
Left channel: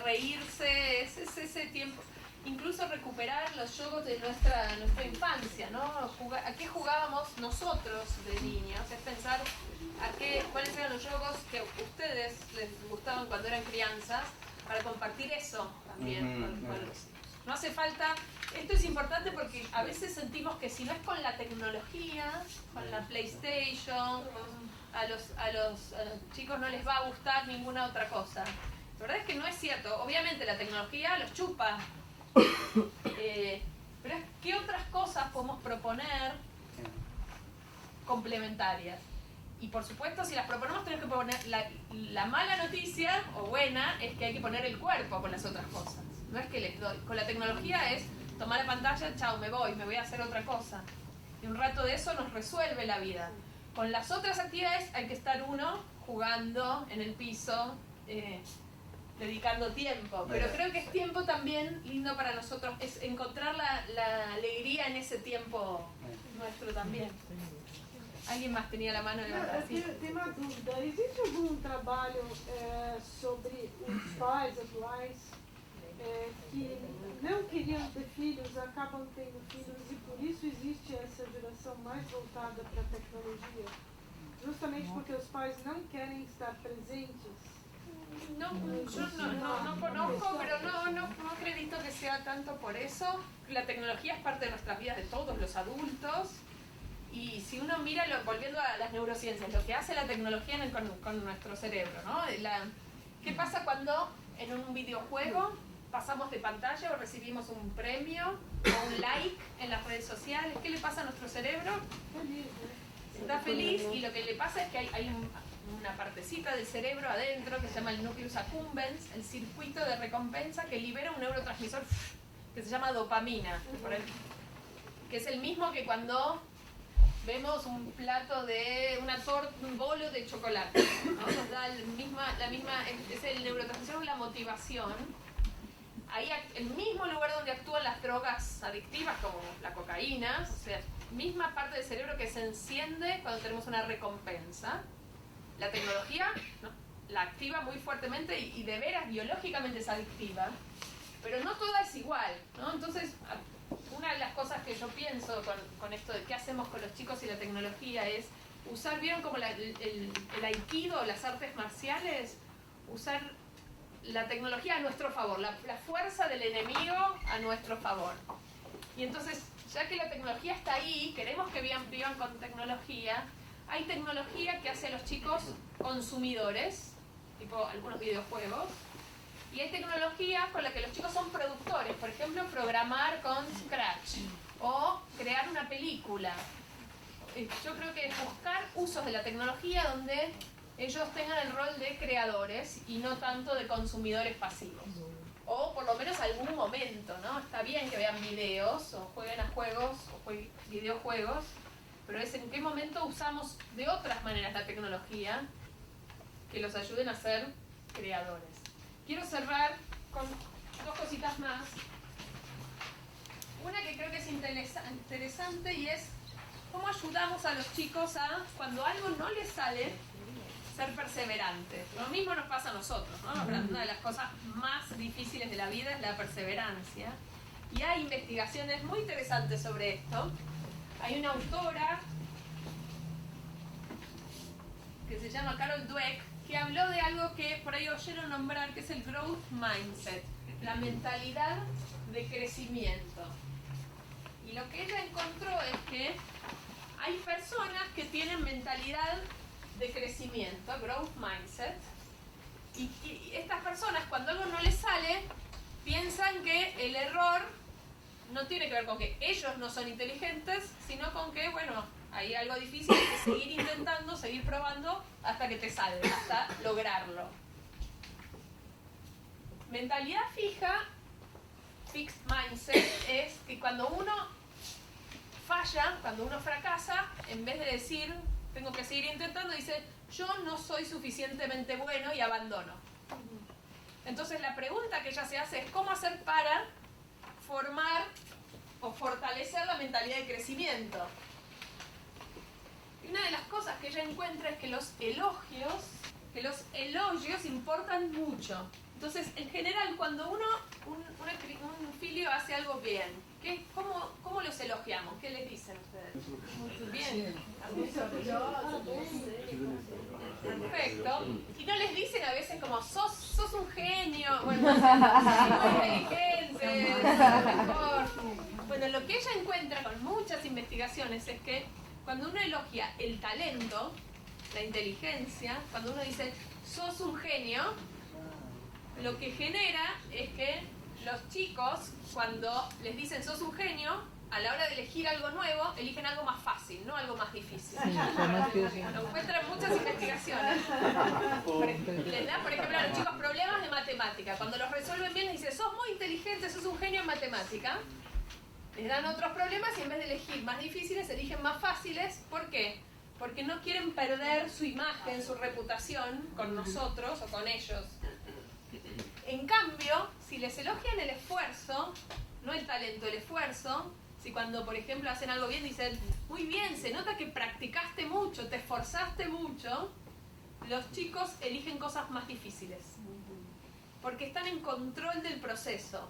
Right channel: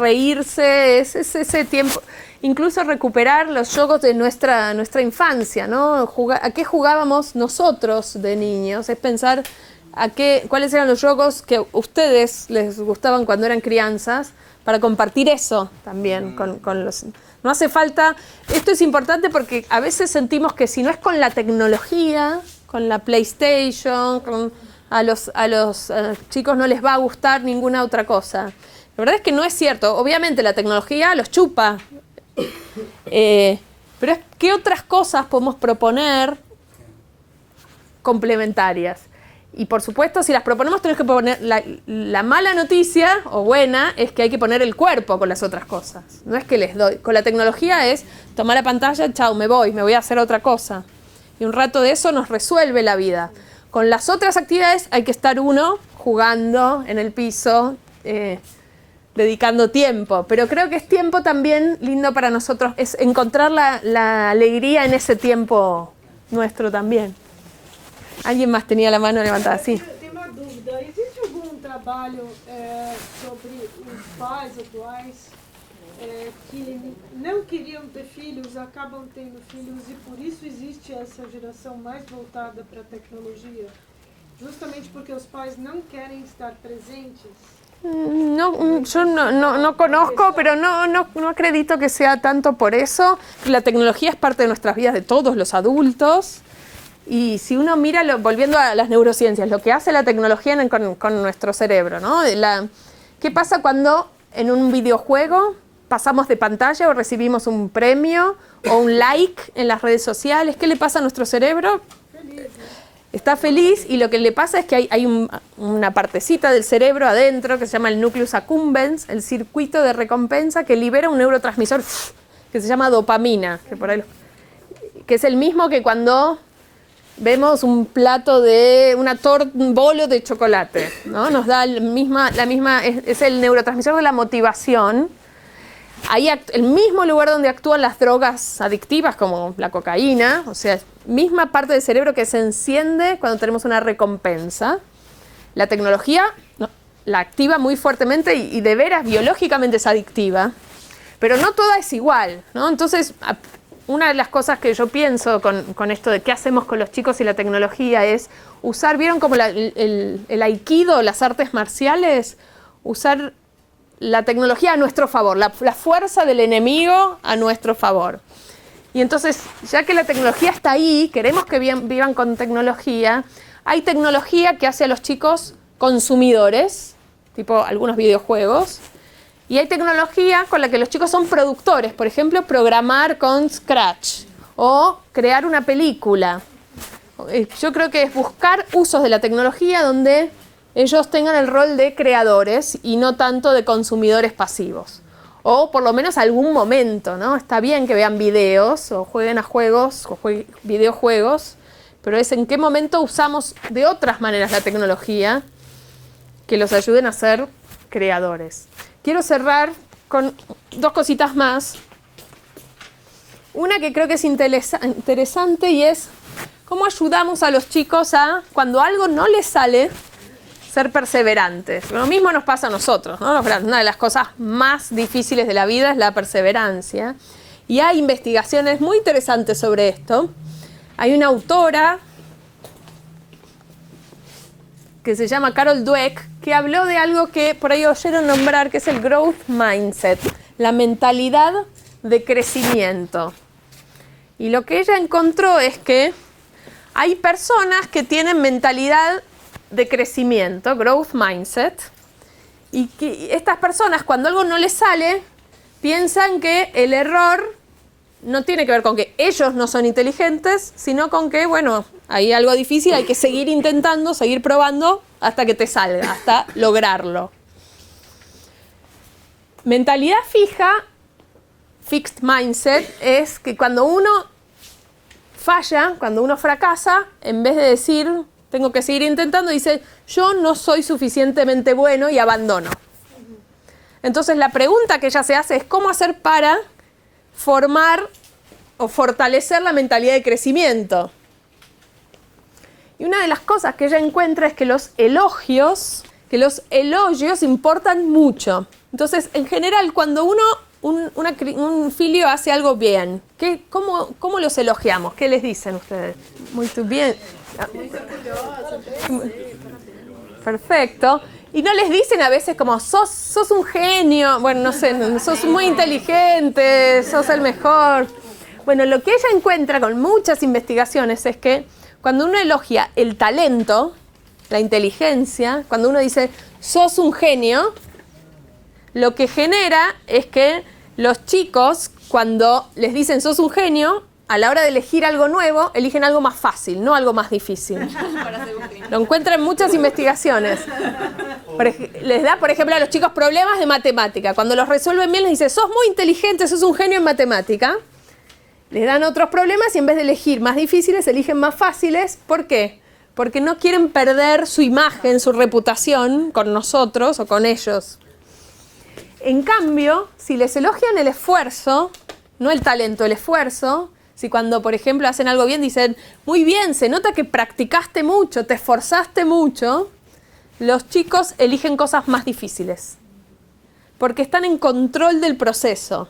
reírse, es ese tiempo. Incluso recuperar los juegos de nuestra infancia, ¿no? ¿A qué jugábamos nosotros de niños? Es pensar cuáles eran los juegos que a ustedes les gustaban cuando eran crianzas, para compartir eso también con los... No hace falta... Esto es importante porque a veces sentimos que si no es con la tecnología, con la PlayStation, a los chicos no les va a gustar ninguna otra cosa. La verdad es que no es cierto. Obviamente la tecnología los chupa. Pero es qué otras cosas podemos proponer complementarias. Y por supuesto, si las proponemos, tenemos que poner la mala noticia, o buena, es que hay que poner el cuerpo con las otras cosas. No es que les doy. Con la tecnología es tomar la pantalla, chao, me voy a hacer otra cosa. Y un rato de eso nos resuelve la vida. Con las otras actividades hay que estar uno jugando en el piso, dedicando tiempo. Pero creo que es tiempo también lindo para nosotros, es encontrar la alegría en ese tiempo nuestro también. Alguien más tenía la mano levantada, sí. Tem uma dúvida. Existe algum trabalho sobre os pais atuais que não queriam ter filhos, acabam tendo filhos e por isso existe essa geração mais voltada para a tecnologia? Justamente porque os pais não querem estar presentes? Yo no conozco, pero no acredito que sea tanto por eso. La tecnología es parte de nuestras vidas, de todos los adultos. Y si uno mira, volviendo a las neurociencias, lo que hace la tecnología con nuestro cerebro, ¿no? ¿Qué pasa cuando en un videojuego pasamos de pantalla o recibimos un premio o un like en las redes sociales? ¿Qué le pasa a nuestro cerebro? Está feliz y lo que le pasa es que hay una partecita del cerebro adentro que se llama el nucleus accumbens, el circuito de recompensa, que libera un neurotransmisor que se llama dopamina, que es el mismo que cuando vemos un plato de un bolo de chocolate, ¿no? Nos da la misma es el neurotransmisor de la motivación. Ahí el mismo lugar donde actúan las drogas adictivas como la cocaína, o sea, misma parte del cerebro que se enciende cuando tenemos una recompensa. La tecnología la activa muy fuertemente y de veras biológicamente es adictiva, pero no toda es igual, ¿no? Entonces, una de las cosas que yo pienso con esto de qué hacemos con los chicos y la tecnología es usar, ¿vieron como el aikido, las artes marciales? Usar la tecnología a nuestro favor, la fuerza del enemigo a nuestro favor. Y entonces, ya que la tecnología está ahí, queremos que vivan con tecnología, hay tecnología que hace a los chicos consumidores, tipo algunos videojuegos, y hay tecnología con la que los chicos son productores, por ejemplo, programar con Scratch o crear una película. Yo creo que es buscar usos de la tecnología donde ellos tengan el rol de creadores y no tanto de consumidores pasivos. O por lo menos algún momento, ¿no? Está bien que vean videos o jueguen a juegos o videojuegos, pero es en qué momento usamos de otras maneras la tecnología que los ayuden a ser creadores. Quiero cerrar con 2 cositas más. Una que creo que es interesante y es cómo ayudamos a los chicos a, cuando algo no les sale, ser perseverantes. Lo mismo nos pasa a nosotros, ¿no? Una de las cosas más difíciles de la vida es la perseverancia. Y hay investigaciones muy interesantes sobre esto. Hay una autora que se llama Carol Dweck, que habló de algo que por ahí oyeron nombrar, que es el growth mindset, la mentalidad de crecimiento. Y lo que ella encontró es que hay personas que tienen mentalidad de crecimiento, growth mindset, y que estas personas, cuando algo no les sale, piensan que el error no tiene que ver con que ellos no son inteligentes, sino con que, bueno, hay algo difícil, hay que seguir intentando, seguir probando hasta que te salga, hasta lograrlo. Mentalidad fija, fixed mindset, es que cuando uno falla, cuando uno fracasa, en vez de decir, tengo que seguir intentando, dice, yo no soy suficientemente bueno y abandono. Entonces la pregunta que ella se hace es, ¿cómo hacer para formar o fortalecer la mentalidad de crecimiento? Y una de las cosas que ella encuentra es que los elogios importan mucho. Entonces, en general, cuando un filio hace algo bien, ¿cómo los elogiamos? ¿Qué les dicen ustedes? Muy bien. Perfecto. Y no les dicen a veces como, sos un genio, bueno, no sé, sos muy inteligente, sos el mejor. Bueno, lo que ella encuentra con muchas investigaciones es que cuando uno elogia el talento, la inteligencia, cuando uno dice, sos un genio, lo que genera es que los chicos, cuando les dicen, sos un genio, a la hora de elegir algo nuevo, eligen algo más fácil, no algo más difícil. Lo encuentran en muchas investigaciones. Les da, por ejemplo, a los chicos problemas de matemática. Cuando los resuelven bien, les dicen, sos muy inteligente, sos un genio en matemática. Les dan otros problemas y en vez de elegir más difíciles, eligen más fáciles. ¿Por qué? Porque no quieren perder su imagen, su reputación con nosotros o con ellos. En cambio, si les elogian el esfuerzo, no el talento, el esfuerzo, si cuando, por ejemplo, hacen algo bien, dicen, muy bien, se nota que practicaste mucho, te esforzaste mucho, los chicos eligen cosas más difíciles. Porque están en control del proceso.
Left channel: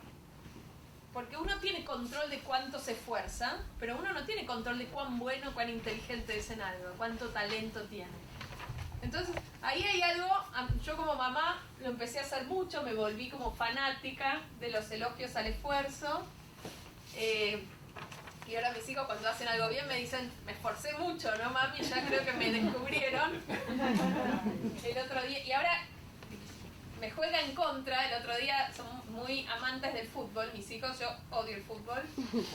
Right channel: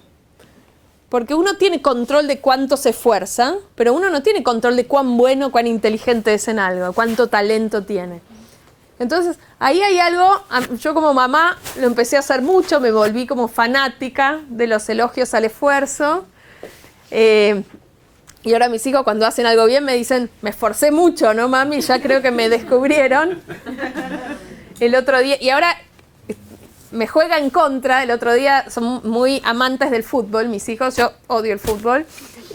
Porque uno tiene control de cuánto se esfuerza, pero uno no tiene control de cuán bueno, cuán inteligente es en algo, cuánto talento tiene. Entonces, ahí hay algo, yo como mamá lo empecé a hacer mucho, me volví como fanática de los elogios al esfuerzo. Y ahora mis hijos cuando hacen algo bien me dicen, me esforcé mucho, ¿no, mami? Ya creo que me descubrieron. El otro día, y ahora me juega en contra, el otro día son muy amantes del fútbol, mis hijos, yo odio el fútbol,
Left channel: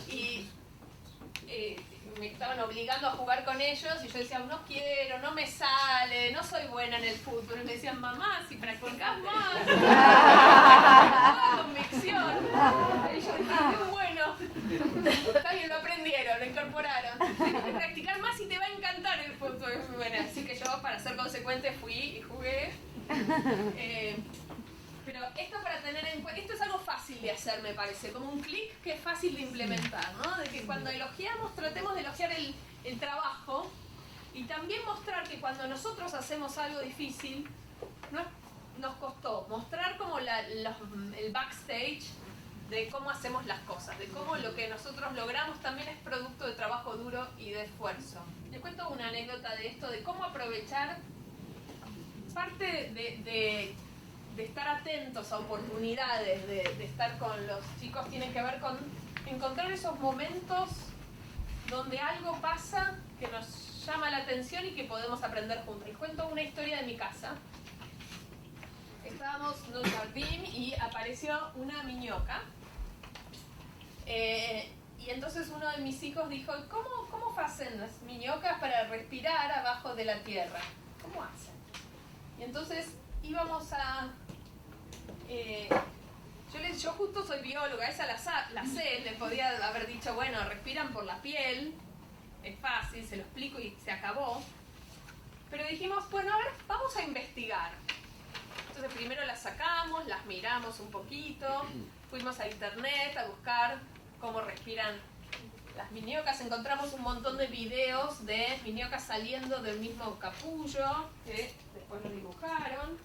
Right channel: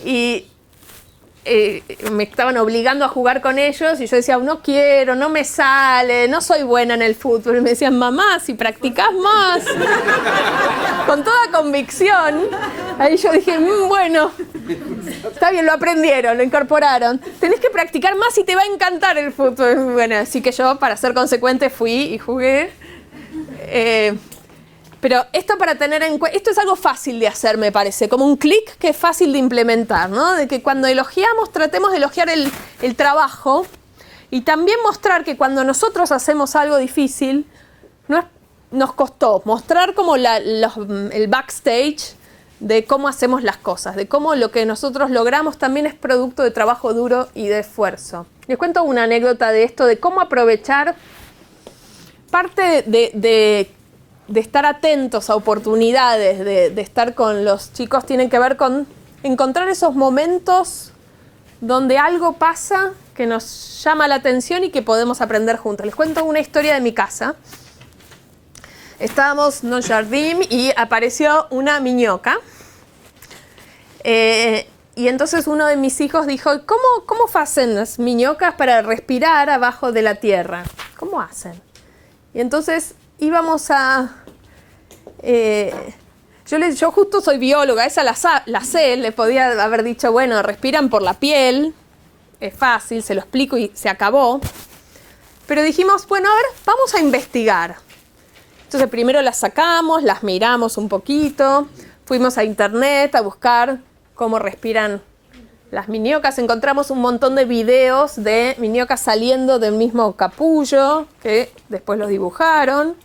y me estaban obligando a jugar con ellos y yo decía, no quiero, no me sale, no soy buena en el fútbol. Y me decían, mamá, si practicás más, con toda convicción. Ahí yo dije, bueno, está bien, lo aprendieron, lo incorporaron. Tenés que practicar más y te va a encantar el fútbol. Bueno, así que yo, para ser consecuente, fui y jugué. Pero esto para tener en cuenta, esto es algo fácil de hacer, me parece, como un clic que es fácil de implementar, ¿no? De que cuando elogiamos, tratemos de elogiar el trabajo y también mostrar que cuando nosotros hacemos algo difícil, nos costó mostrar como el backstage de cómo hacemos las cosas, de cómo lo que nosotros logramos también es producto de trabajo duro y de esfuerzo. Les cuento una anécdota de esto, de cómo aprovechar parte de estar atentos a oportunidades, de estar con los chicos, tienen que ver con encontrar esos momentos donde algo pasa que nos llama la atención y que podemos aprender juntos. Les cuento una historia de mi casa. Estábamos en el jardín y apareció una miñoca. Y entonces uno de mis hijos dijo, ¿cómo hacen las miñocas para respirar abajo de la tierra? ¿Cómo hacen? Y entonces íbamos a... Yo justo soy bióloga, esa la sé, le podía haber dicho, bueno, respiran por la piel, es fácil, se lo explico y se acabó. Pero dijimos, bueno, a ver, vamos a investigar. Entonces primero las sacamos, las miramos un poquito, fuimos a internet a buscar cómo respiran las miniocas. Encontramos un montón de videos de miniocas saliendo del mismo capullo, que después los dibujaron,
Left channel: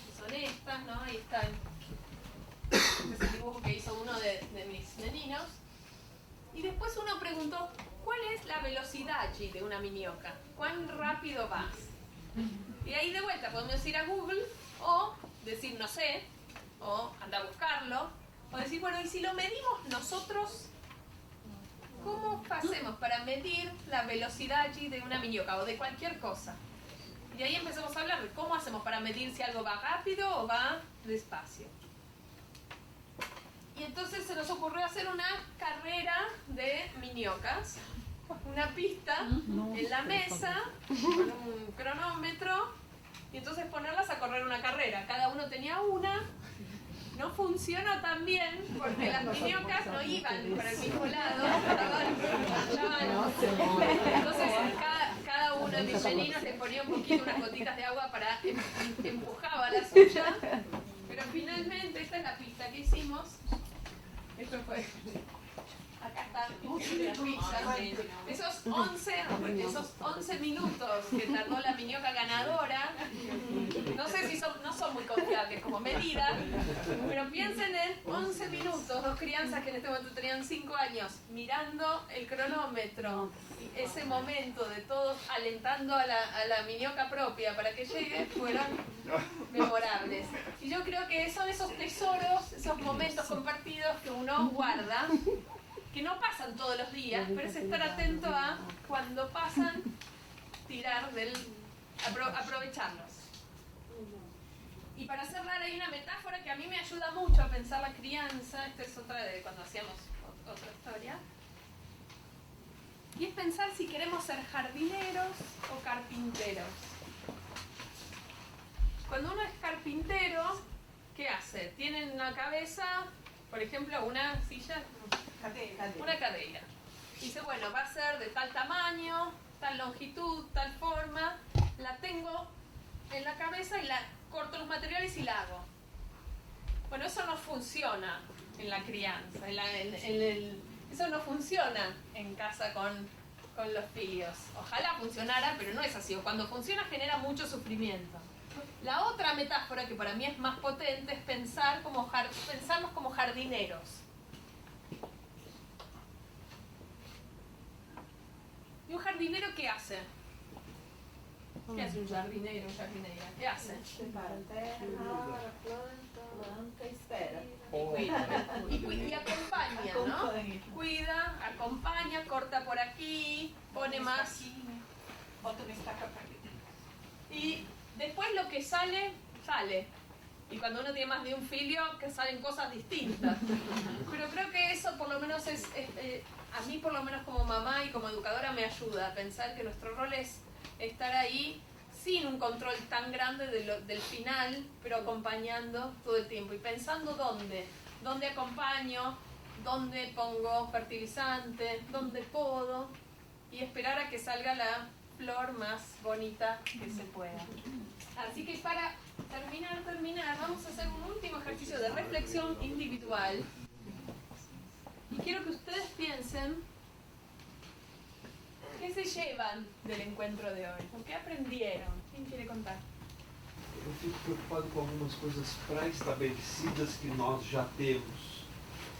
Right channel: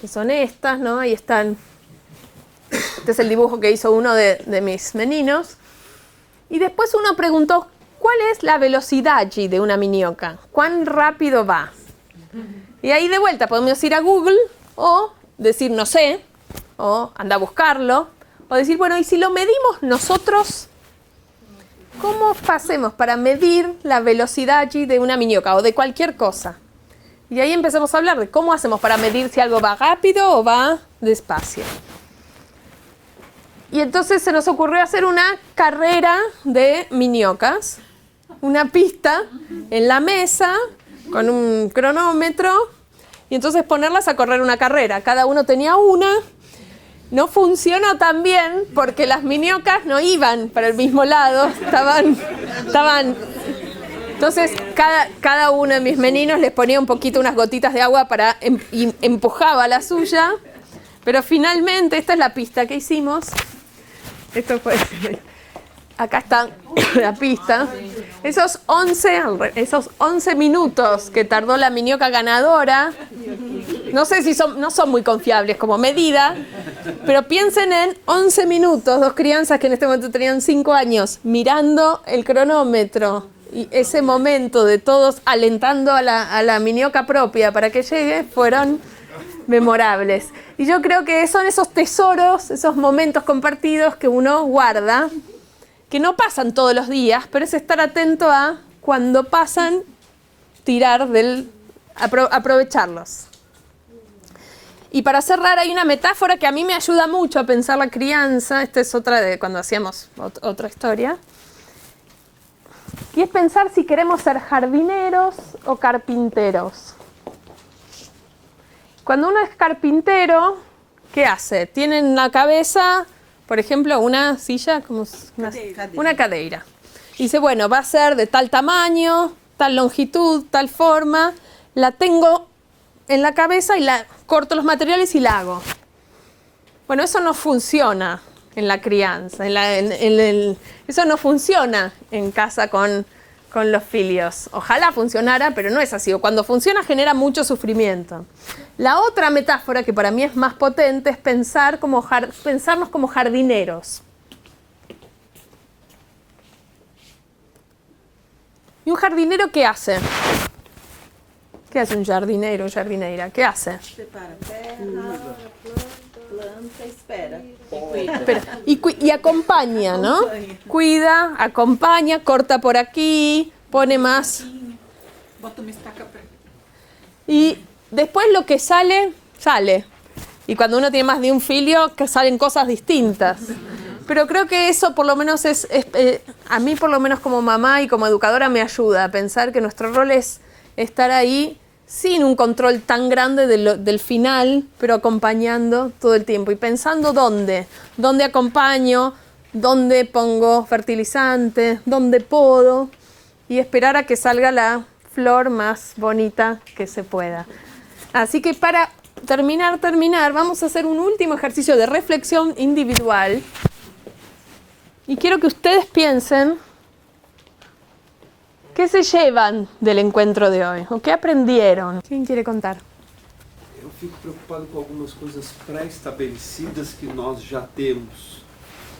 que son estas, ¿no? Ahí están. Este es el dibujo que hizo uno de mis meninos. Y después uno preguntó, ¿cuál es la velocidad allí de una minioca? ¿Cuán rápido va? Y ahí de vuelta podemos ir a Google o decir no sé, o anda a buscarlo, o decir, bueno, ¿y si lo medimos nosotros? ¿Cómo hacemos para medir la velocidad allí de una minioca o de cualquier cosa? Y ahí empezamos a hablar de cómo hacemos para medir si algo va rápido o va despacio. Y entonces se nos ocurrió hacer una carrera de miniocas, una pista en la mesa con un cronómetro y entonces ponerlas a correr una carrera. Cada uno tenía una. No funcionó tan bien porque las miniocas no iban para el mismo lado, estaban. Entonces cada uno de mis meninos les ponía un poquito, unas gotitas de agua para y empujaba la suya, pero finalmente esta es la pista que hicimos. Esto fue, acá está la pista. Esos 11 minutos que tardó la minioca ganadora, no sé si no son muy confiables como medida, pero piensen en 11 minutos, dos crianzas que en este momento tenían 5 años, mirando el cronómetro y ese momento de todos alentando a la minioca propia para que llegue, fueron memorables. Y yo creo que son esos tesoros, esos momentos compartidos que uno guarda, que no pasan todos los días, pero es estar atento a cuando pasan, aprovecharlos. Y para cerrar hay una metáfora que a mí me ayuda mucho a pensar la crianza. Esta es otra de cuando hacíamos otra historia. Y es pensar si queremos ser jardineros o carpinteros. Cuando uno es carpintero, ¿qué hace? Tiene en la cabeza, por ejemplo, una silla, una cadeira. Y dice, bueno, va a ser de tal tamaño, tal longitud, tal forma. La tengo en la cabeza y corto los materiales y la hago. Bueno, eso no funciona en la crianza. Eso no funciona en casa con los filios. Ojalá funcionara, pero no es así. O cuando funciona genera mucho sufrimiento. La otra metáfora que para mí es más potente es pensarnos como jardineros. ¿Y un jardinero qué hace? ¿Qué hace un jardinero o jardinera? ¿Qué hace? Prepara terra, planta, espera. Y acompaña, ¿no? Cuida, acompaña, corta por aquí, pone más. Y después lo que sale, sale. Y cuando uno tiene más de un filio, que salen cosas distintas. Pero creo que eso por lo menos a mí por lo menos como mamá y como educadora me ayuda a pensar que nuestro rol es estar ahí sin un control tan grande del final, pero acompañando todo el tiempo y pensando dónde acompaño, dónde pongo fertilizante, dónde podo y esperar a que salga la flor más bonita que se pueda. Así que para terminar, vamos a hacer un último ejercicio de reflexión individual y quiero que ustedes piensen ¿qué se llevan del encuentro de hoy? ¿O qué aprendieron? ¿Quién quiere contar? Eu fico preocupado com algumas coisas pré-estabelecidas que nós já temos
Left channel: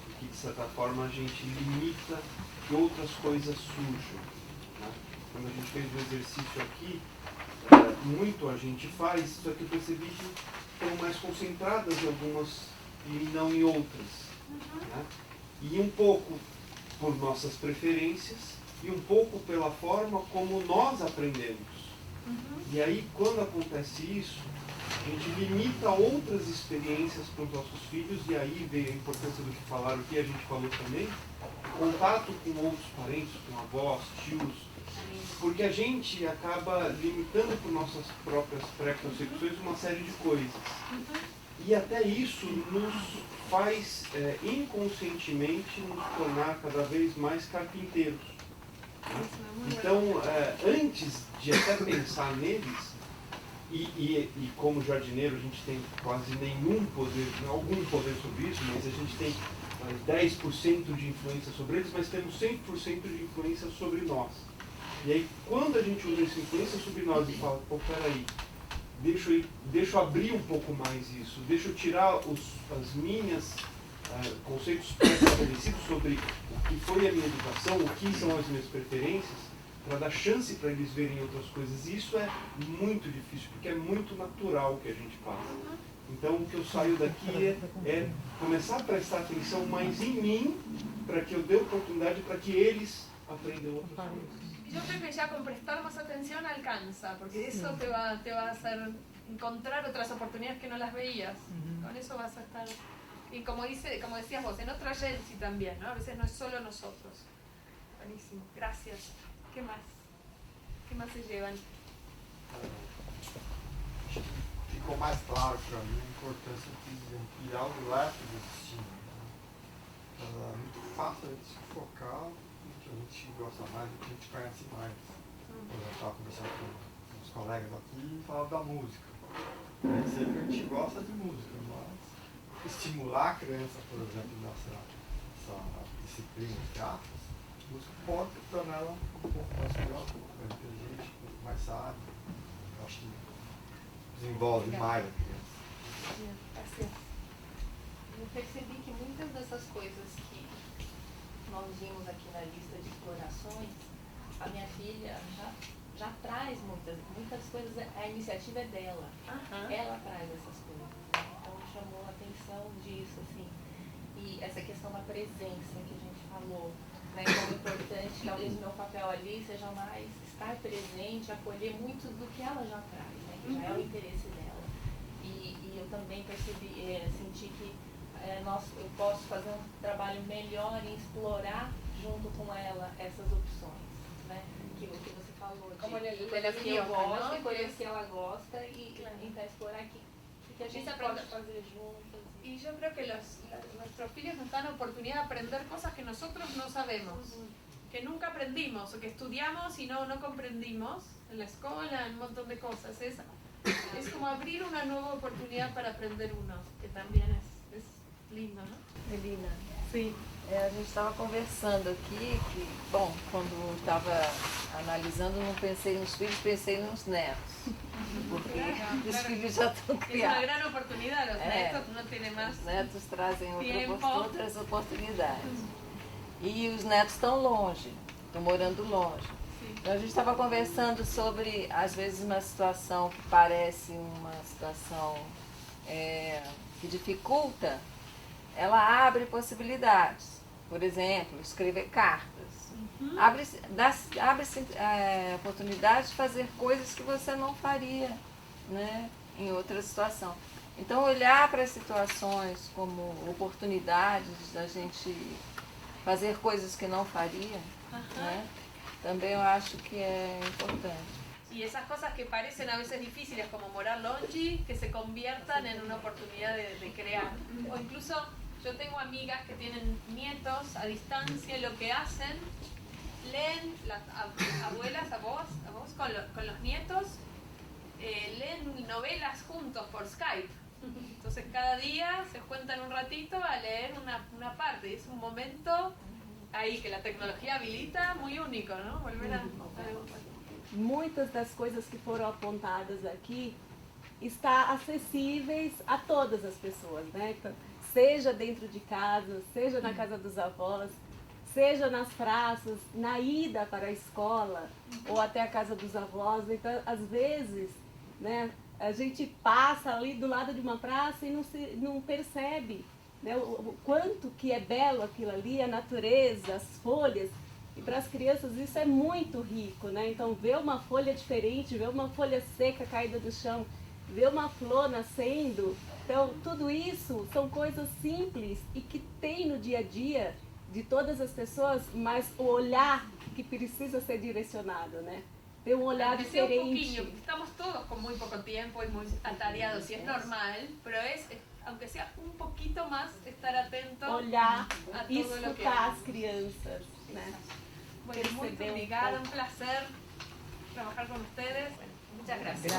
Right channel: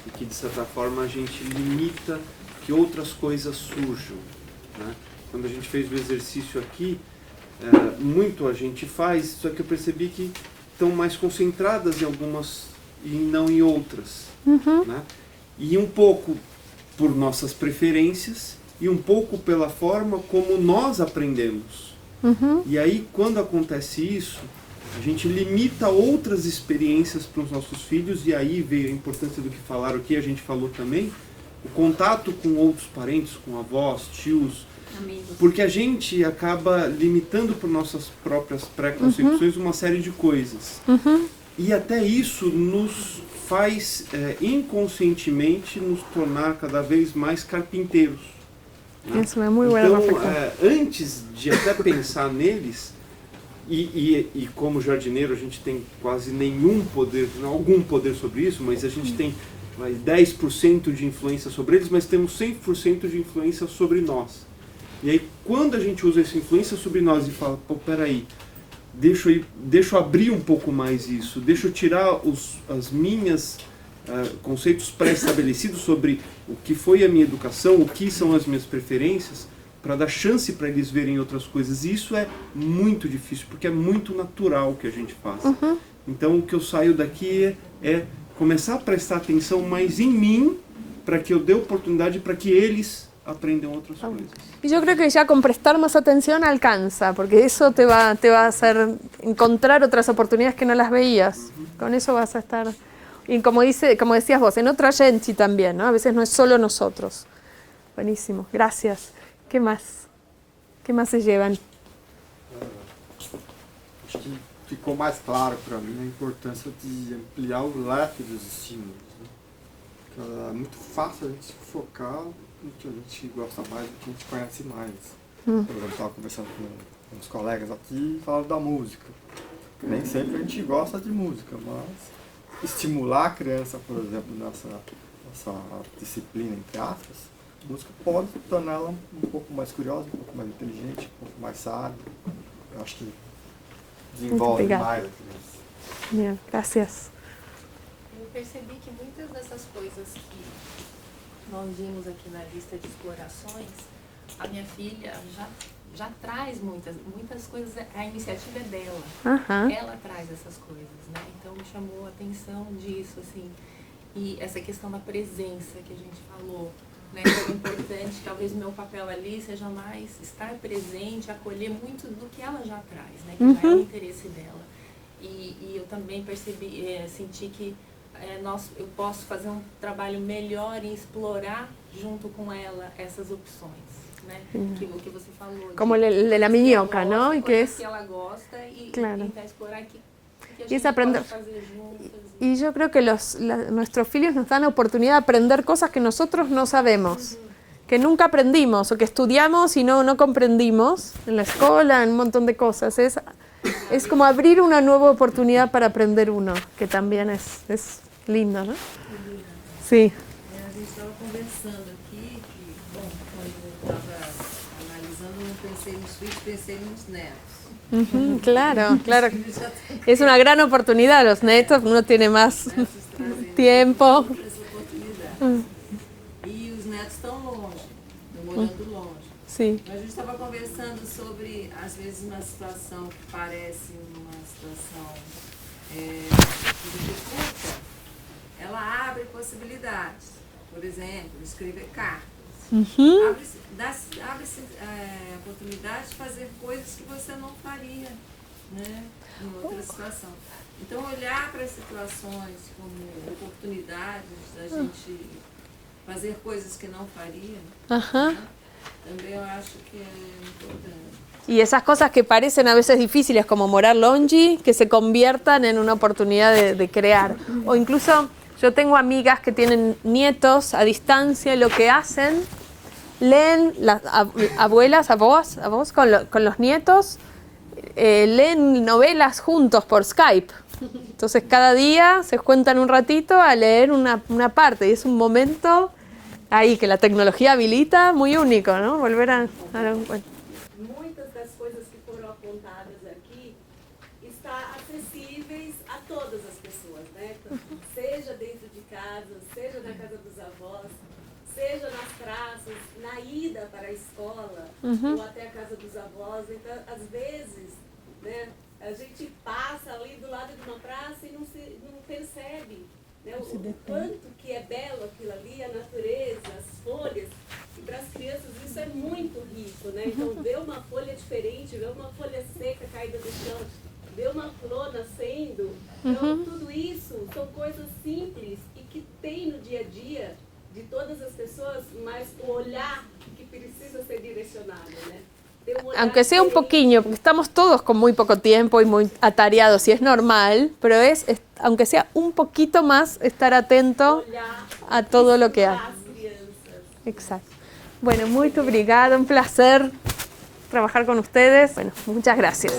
e que, de certa forma, a gente limita que outras coisas surjam, né? Quando a gente fez o exercício aqui, muito a gente faz, só que eu percebi que estão mais concentradas em algumas e não em outras. Né? E um pouco por nossas preferências, e um pouco pela forma como nós aprendemos. E aí, quando acontece isso, a gente limita outras experiências para os nossos filhos, e aí veio a importância do que falaram aqui, a gente falou também, o contato com outros parentes, com avós, tios, porque a gente acaba limitando por nossas próprias preconcepções uma série de coisas. E até isso nos faz inconscientemente nos tornar cada vez mais carpinteiros. Né? Isso é muito então, bueno. Antes de até pensar neles, e como jardineiro a gente tem quase nenhum poder, algum poder sobre isso, mas a gente tem 10% de influência sobre eles, mas temos 100% de influência sobre nós. E aí quando a gente usa essa influência sobre nós e fala, pô, peraí, deixa eu abrir um pouco mais isso, deixa eu tirar as minhas conceitos pré-estabelecidos sobre o que foi a minha educação, o que são as minhas preferências, para dar chance para eles verem outras coisas. E isso é muito difícil, porque é muito natural o que a gente faz. Então o que eu saio daqui é começar a prestar atenção mais em mim, para que eu dê oportunidade para que eles aprendam outras coisas. Y yo creo que ya con prestar más atención alcanza, porque eso te va a hacer encontrar otras oportunidades que no las veías. Con eso vas a estar... Y como decías vos, en otra gente también, ¿no? A veces no es solo nosotros. Buenísimo, gracias. ¿Qué más? ¿Qué más se llevan? Acho que ficou mais claro para mim a importância de ampliar o leque dos estímulos. Né? É muito fácil a gente se focar no que a gente gosta mais, no que a gente conhece mais. Por exemplo, eu estava conversando com uns colegas aqui e falando da música. Nem sempre a gente gosta de música, mas estimular a criança, por exemplo, nessa disciplina, entre aspas, a música pode tornar ela um pouco mais curiosa, um pouco mais inteligente, um pouco mais sábia. Eu acho que desenvolve mais. Bien, gracias. Eu percebi que muitas dessas coisas que nós vimos aqui na lista de explorações, a minha filha já traz muitas coisas, a iniciativa é dela. Ela traz essas coisas, né? Então chamou a atenção disso, assim. E essa questão da presença que a gente falou, né? Então é importante, talvez o meu papel ali seja mais estar presente, acolher muito do que ela já traz, né? Que já é o interesse dela. E eu também percebi, senti que eu posso fazer um trabalho melhor em explorar junto com ela essas opções, né? Que o que você falou. Como el de la miñoca, ¿no? Y que es... que ela gosta y tentar explorar que a Y es gente aprender. pode fazer juntas. Y yo creo que nuestros filios nos dan la oportunidad de aprender cosas que nosotros no sabemos, que nunca aprendimos o que estudiamos y no comprendimos en la escuela, en un montón de cosas. Es como abrir una nueva oportunidad para aprender uno, que también es lindo, ¿no? Melina, Sí. a gente estava conversando aqui que, bom, quando estava analisando, não pensei nos filhos, pensei nos netos. Claro, claro. Os filhos já estão Es una gran oportunidad, los netos, uno tiene más Os netos trazem tiempo. outras oportunidades. E os netos estão longe, estão morando longe. Sim. Então a gente estava conversando sobre, às vezes, uma situação que parece uma situação que dificulta, ela abre possibilidades. Por exemplo, escrever cartas. Abre-se oportunidade de fazer coisas que você não faria, né, em outra situação. Então, olhar para as situações como oportunidades da gente fazer coisas que não faria, né, também eu acho que é importante. Y esas cosas que parecen a veces difíciles, como morar longe, que se conviertan en una oportunidad de crear. O incluso, yo tengo amigas que tienen nietos a distancia y lo que hacen, leen, las abuelas, a vos con los nietos, leen novelas juntos por Skype. Entonces cada día se cuentan un ratito a leer una parte y es un momento ahí que la tecnología habilita muy único, ¿no? Volver a bueno. Muitas das coisas que foram apontadas aqui está acessíveis a todas as pessoas, né? Seja dentro de casa, seja na casa dos avós, seja nas praças, na ida para a escola ou até a casa dos avós. Então, às vezes, né, a gente passa ali do lado de uma praça e não percebe, né, o quanto que é belo aquilo ali, a natureza, as folhas. E para as crianças isso é muito rico, né? Então ver uma folha diferente, ver uma folha seca caída no chão, ver uma flor nascendo, então tudo isso são coisas simples e que tem no dia a dia de todas as pessoas, mas o olhar que precisa ser direcionado, né? Aunque sea un poquillo, porque estamos todos con muy poco tiempo y muy atareados y es normal, pero es aunque sea un poquito más, estar atento a todo lo que hace. Exacto. Bueno, muy obrigada, un placer trabajar con ustedes. Bueno, muchas gracias.